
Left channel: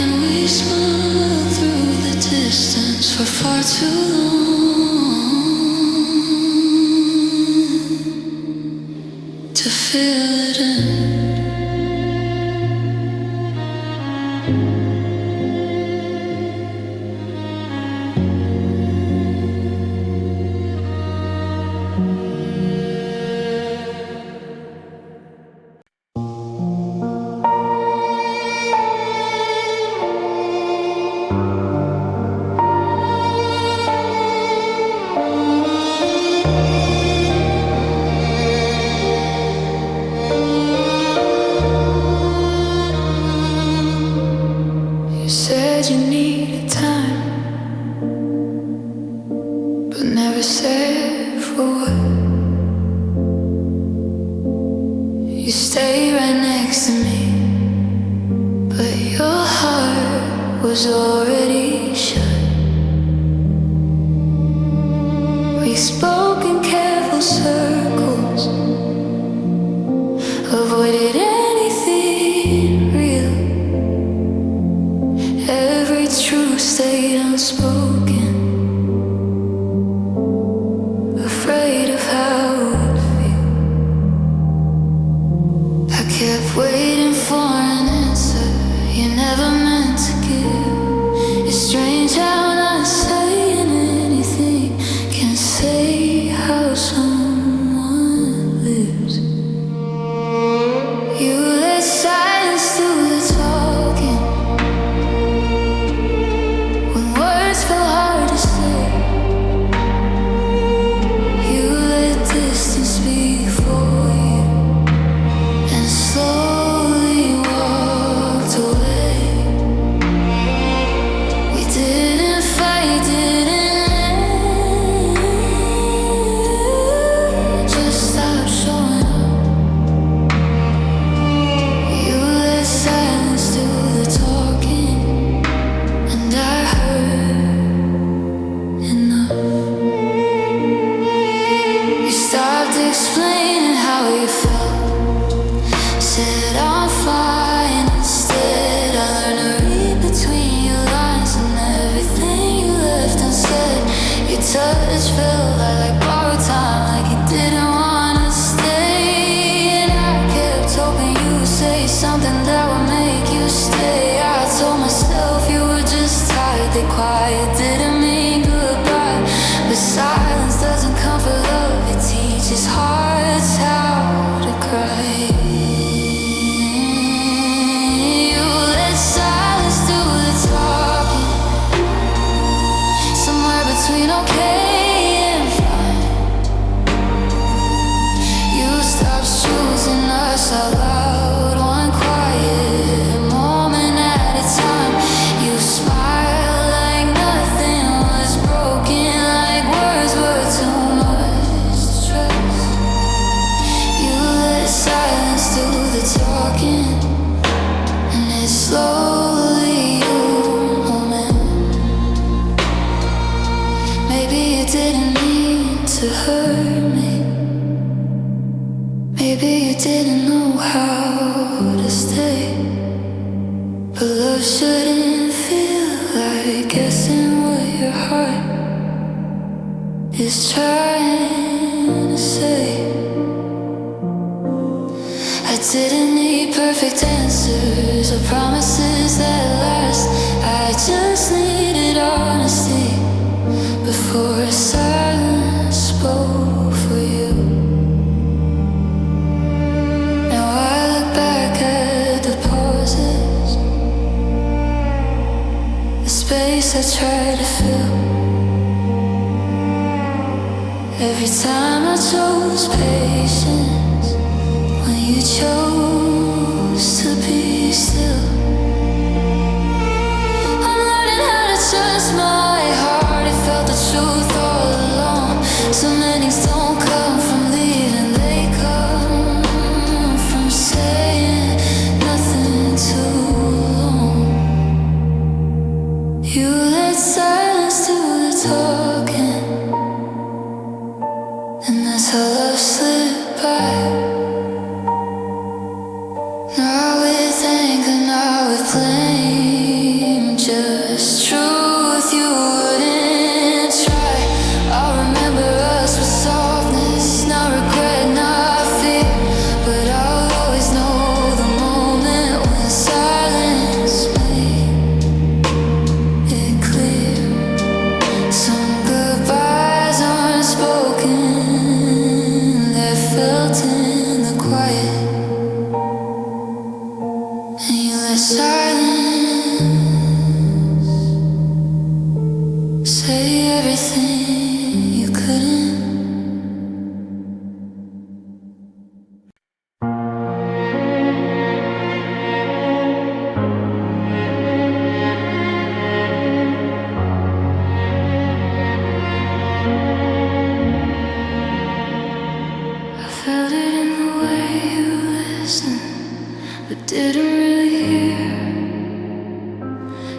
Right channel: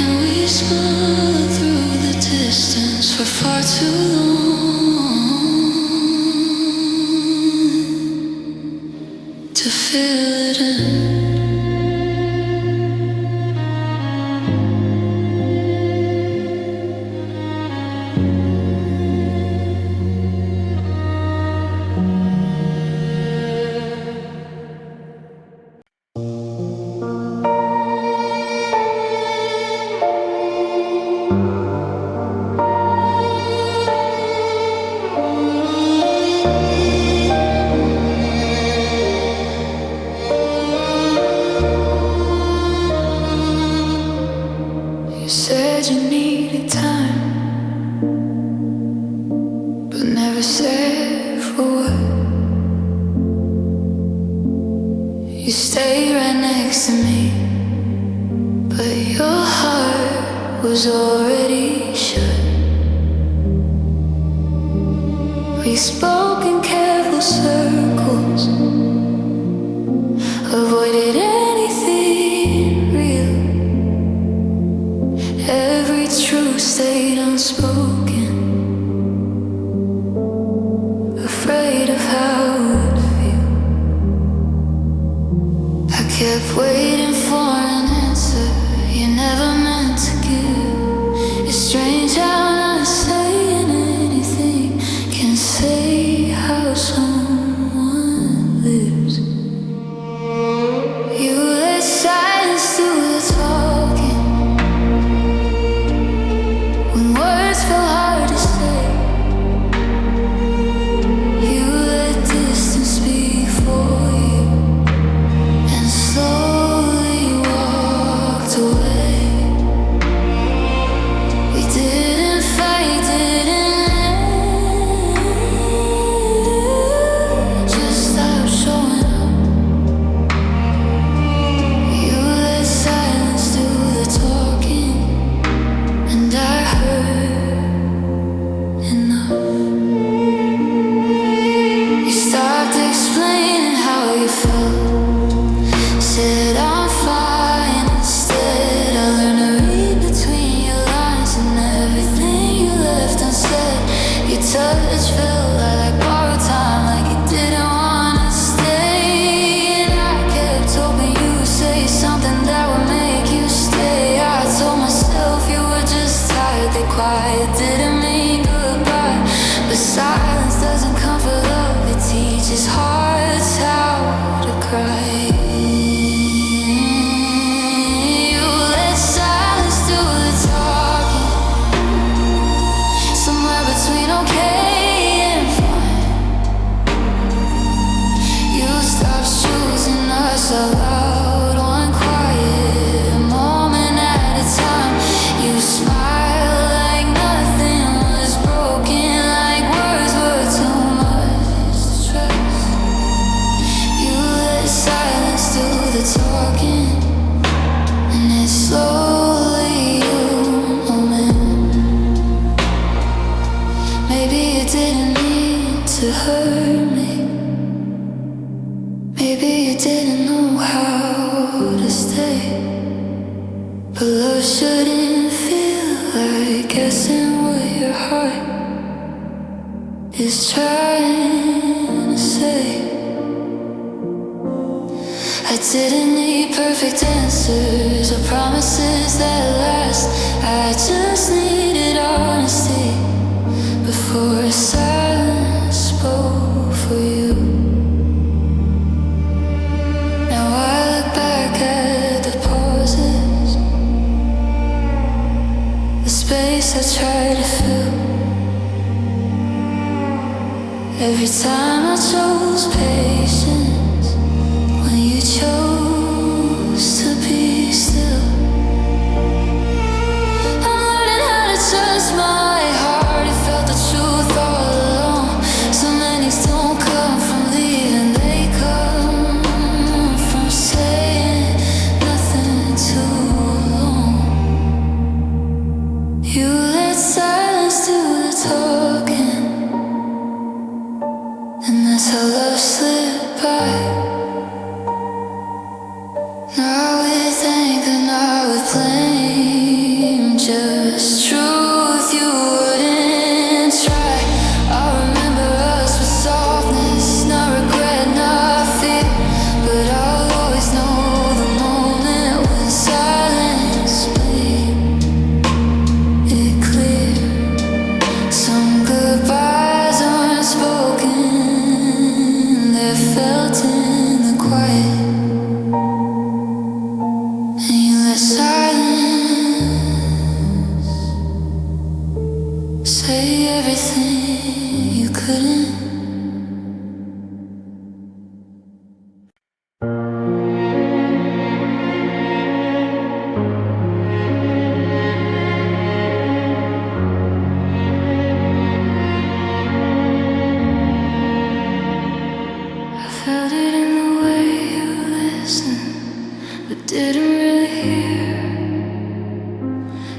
and we smile through the distance for far too long to feel it in. said you needed time, but never said for what. You stay right next to me, but your heart was already shut. We spoke in careful circles, avoided anything real. Every truth stayed unspoken, afraid of how it'd feel. I kept waiting for an answer you never meant to give. It's strange how not saying anything can say how someone lives. You let silence do the talking when words felt hard to say. You let distance speak for you and slowly walked away. We didn't fight, didn't just stop showing up. You let silence do the talking, and I heard enough. You stopped explaining how you felt, said I'm fine instead. I learned to read between your lines, and everything you left unsaid. Your touch felt like borrowed time, like you didn't wanna stay. And I kept hoping you would say something that would make you stay. I told myself you were just tired, that quiet didn't mean goodbye. But silence doesn't comfort love, it teaches hearts how to cry. You let silence do the talking, somewhere between okay and fine. You stopped choosing us out loud, one quiet moment at a time. You smiled like nothing was broken, like words were too much to trust. You let silence do the talking, and it's slowly you, oh man. Maybe you didn't mean to hurt me, maybe you didn't know how to stay. But love shouldn't feel like guessing what your heart is trying to say. I didn't need perfect answers or promises that last. I just needed honesty before silence spoke for you. Now I look back at the pauses, the space I tried to fill. Every time I chose patience when you chose to be still. I'm learning how to trust my heart, it felt the truth all along. Some endings don't come from leaving, they come from saying nothing too long. You let silence do the talking, and that's how love slipped by. Not with anger, not with blame, just truth you wouldn't try. I remember us with softness, not regret, not fear. But I'll always know the moment when silence made it clear. Some goodbyes aren't spoken, they're felt in the quiet. And you let silence say everything you couldn't. but didn't really hear.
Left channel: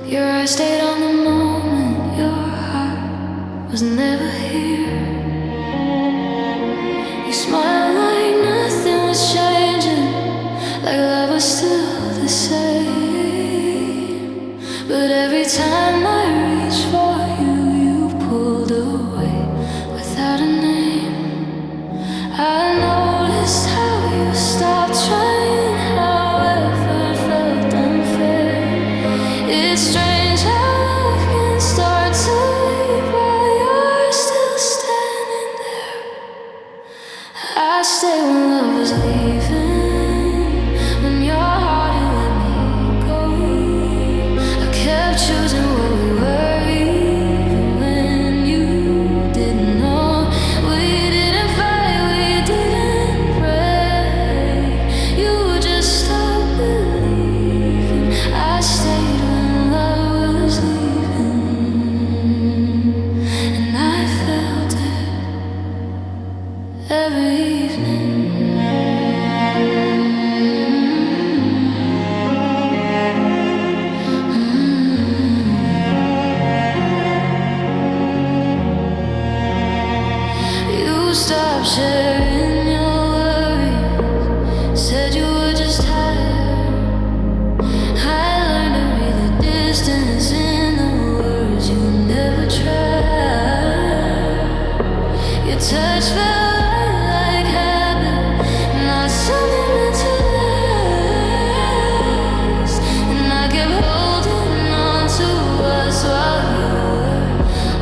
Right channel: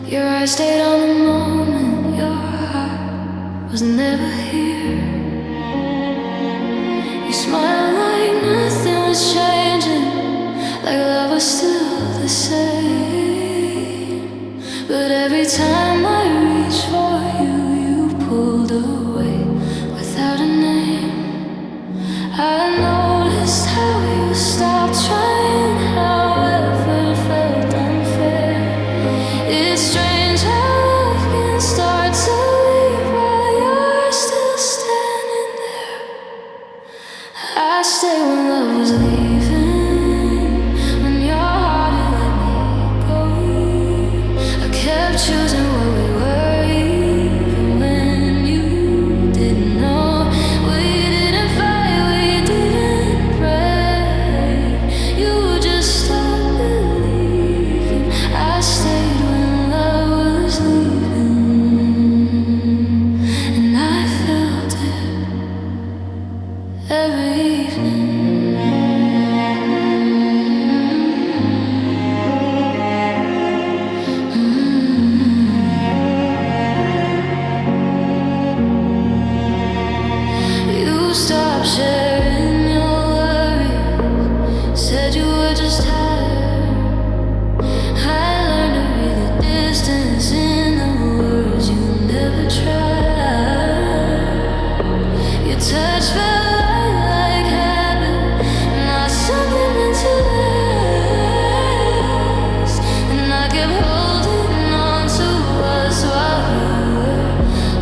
Your eyes stayed on the moment, your heart was never here. You smiled like nothing was changing, like love was still the same. But every time I reached for you, you pulled away without a name. I noticed how you stopped trying, how effort felt unfair. It's strange how love can start to leave while you're still standing there. I stayed when love was leaving, when your heart had let me go. I kept choosing what we were, even when you didn't know. We didn't fight, we didn't pray. You just stopped believing. I stayed when love was leaving, and I felt it every evening. You stopped sharing your worries, said you were just tired. I learned to read the distance in the words you never tried. Your touch felt like habit, not something meant to last. And I kept holding on to us while you were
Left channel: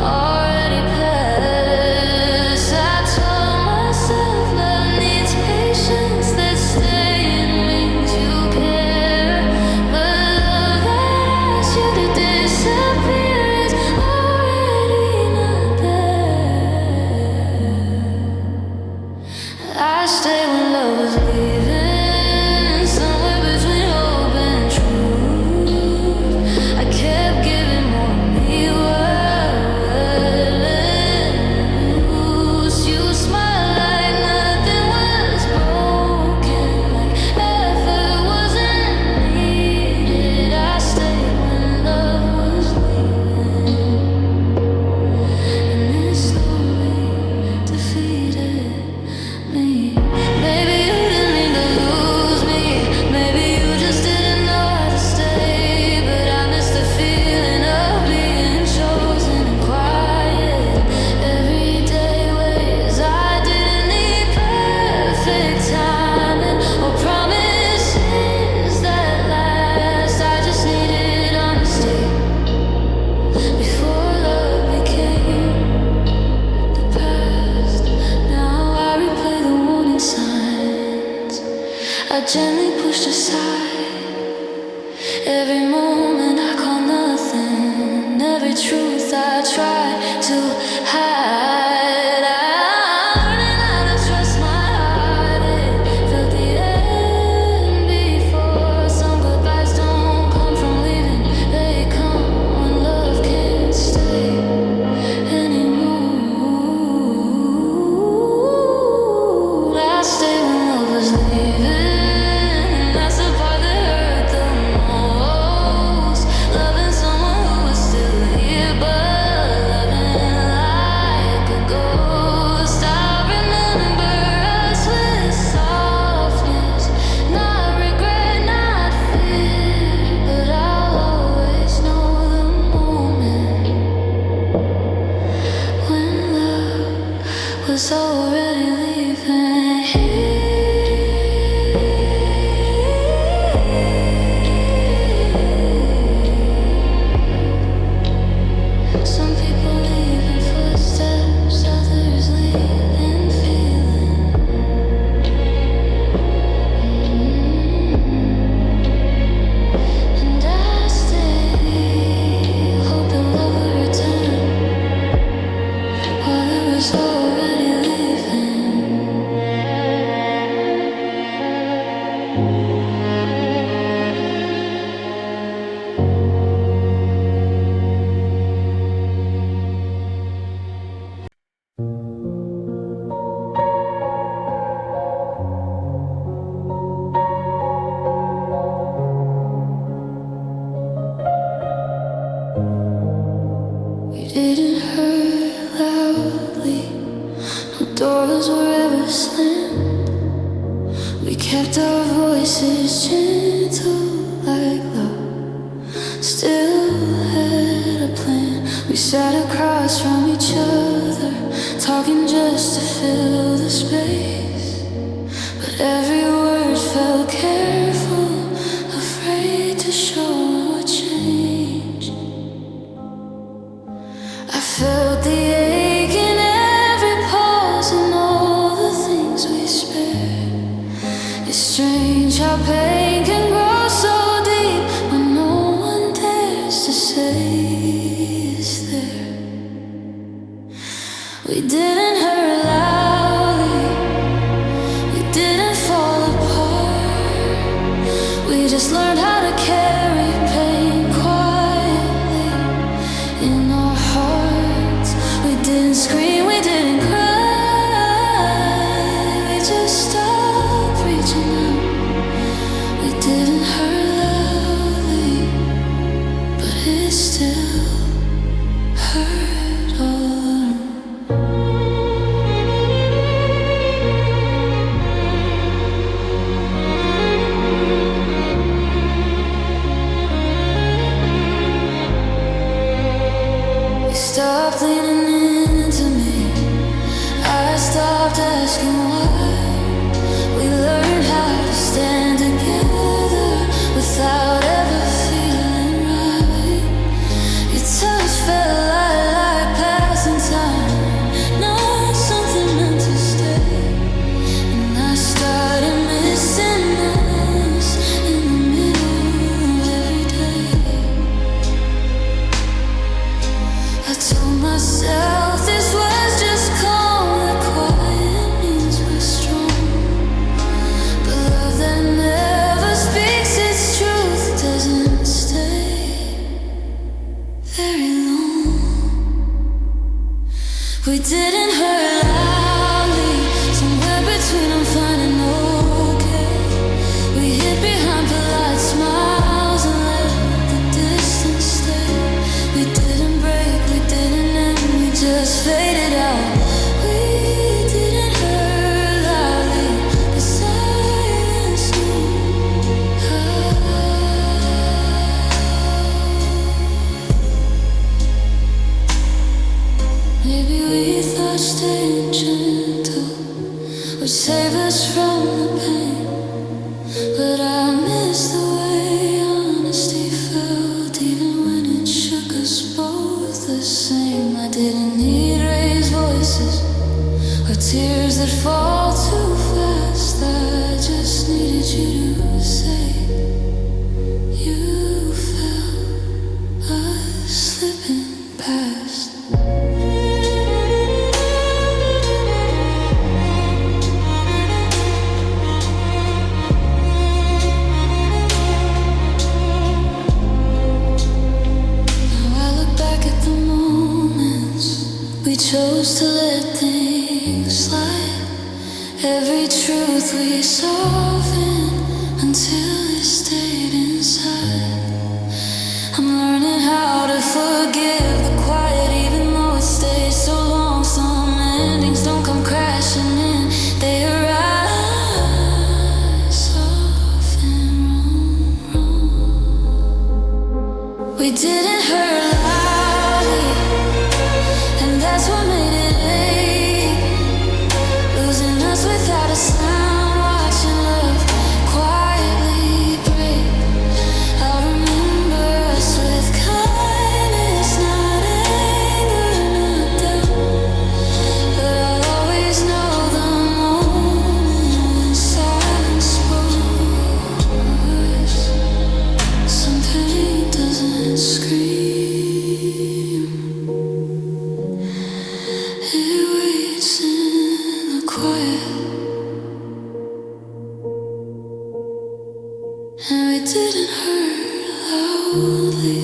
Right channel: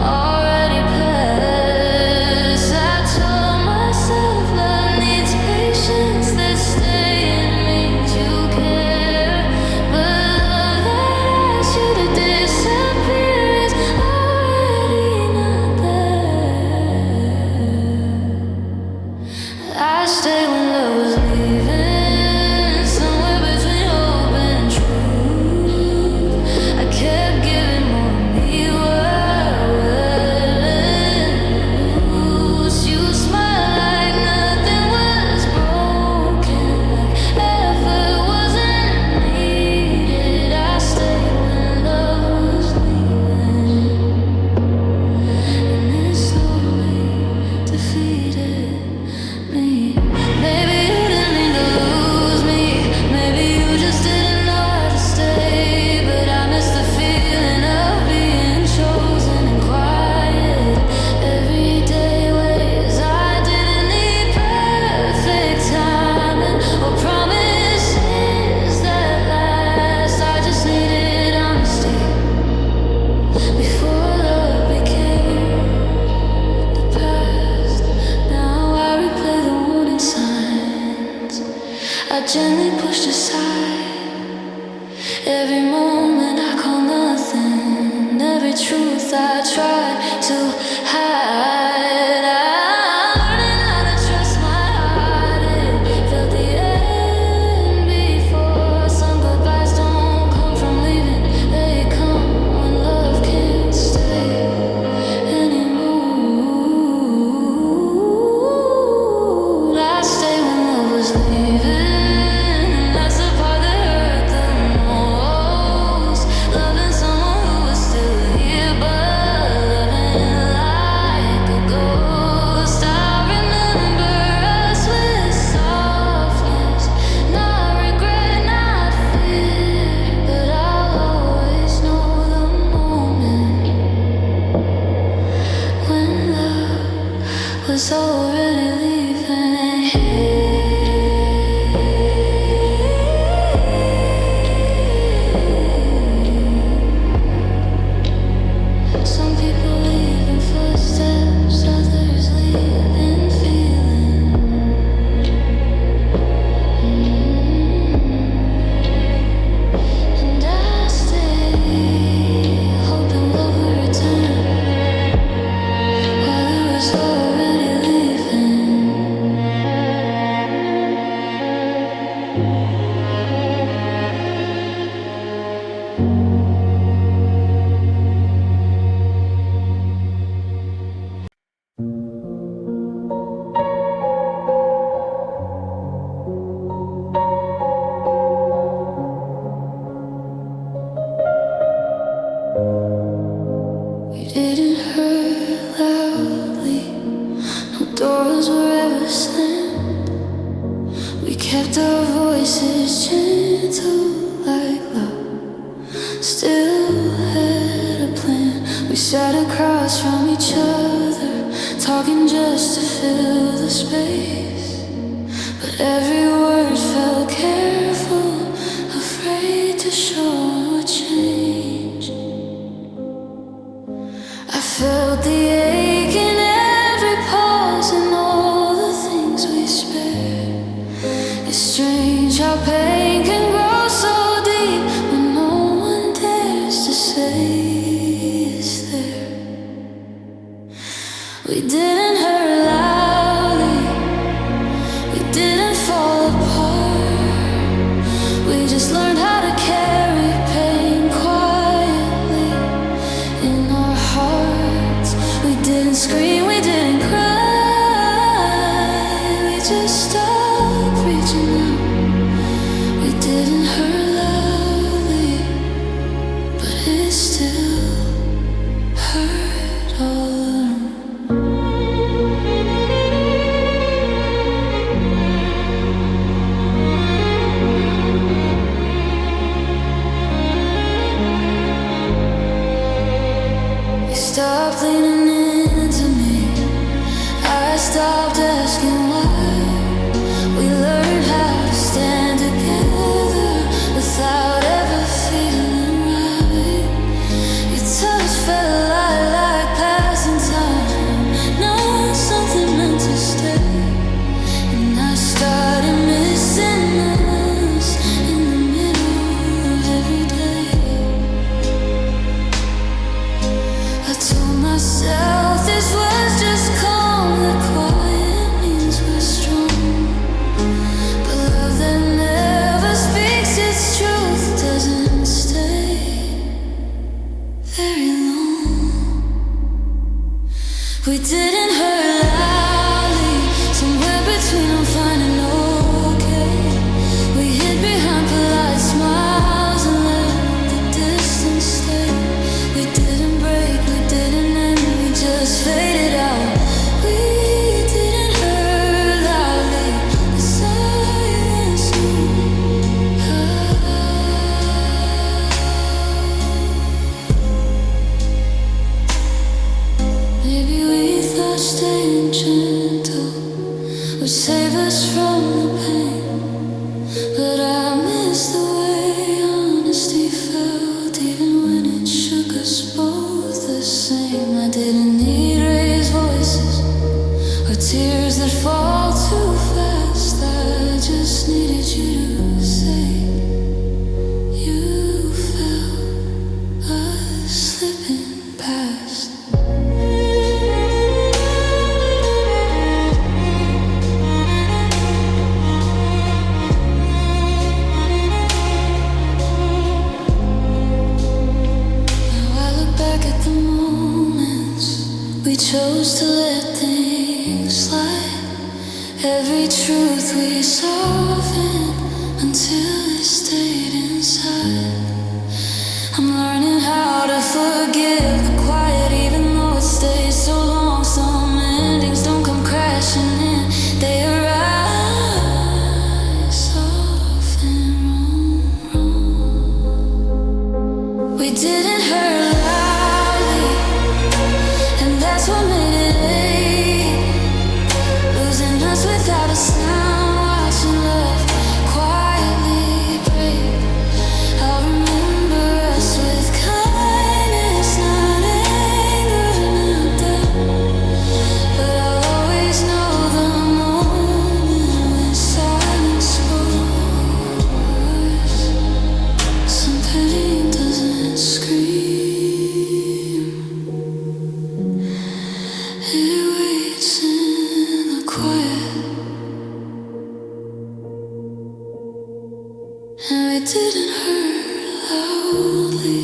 already past. I told myself love needs patience, that staying means you care. But love that asks you to disappear is already not there. I stayed when love was leaving, somewhere between hope and truth. I kept giving more of me, letting loose. You smiled like nothing was broken, like effort wasn't needed. I stayed when love was leaving, and it slowly defeated me. Maybe you didn't mean to lose me, maybe you just didn't know how to stay. But I miss the feeling of being chosen in quiet, everyday ways. I didn't need perfect timing or promises that last. I just needed honesty before love became the past. Now I replay the warning signs I gently pushed aside. Every moment I call nothing, every truth I try to hide. I'm learning how to trust my heart. It felt the end before. Some goodbyes don't come from leaving, they come when love can't stay anymore. I stayed when love was leaving, that's the part that hurt the most. Loving someone who was still here, but loving like didn't hurt loudly, no doors were ever slammed. We kept our voices gentle like love, still had a plan. We sat across from each other, talking just to fill the space, but every word felt careful, afraid to show what changed. I felt the ache in every pause and all the things we spared. It's strange how pain can grow so deep when no one dares to say it's there. We didn't hurt loudly, we didn't fall apart. We just learned how to carry pain quietly in our hearts. We didn't scream, we didn't cry, we just stopped reaching out. We didn't hurt loudly, but it still hurt all around. You stopped leaning into me, I stopped asking why. We learned how to stand together without ever feeling right. Your touch felt like passing time, not something meant to stay. And I started missing us in the middle of every day. I told myself this was just calm, that quiet means we're strong. Love that never speaks its truth doesn't stay very long. We didn't hurt loudly, somewhere between I'm fine and okay. We hid behind polite smiles and let the distance stay. We didn't break, we didn't end, we just faded out. We didn't hurt loudly, the silence knew how. Maybe we thought staying gentle would save us from the pain, but I miss the way honesty felt, even when it shook us both the same. I didn't need raised voices or tears that fall too fast. I just needed you to say you felt us slipping past. At the moments we chose to let things slide, every truth we softened until it stayed inside. I'm learning how to forgive the quiet, even though it stays so long. Some endings don't come crashing in, they arise soft and wrong. We didn't hurt loudly, and that's what made it ache. Losing us without a sound, watching love quietly break. I'll remember us with kindness, not anger, not doubt. But I'll always know the moment when silence spoke words. Some pain doesn't scream, it waits in the quiet. And we didn't hurt loudly.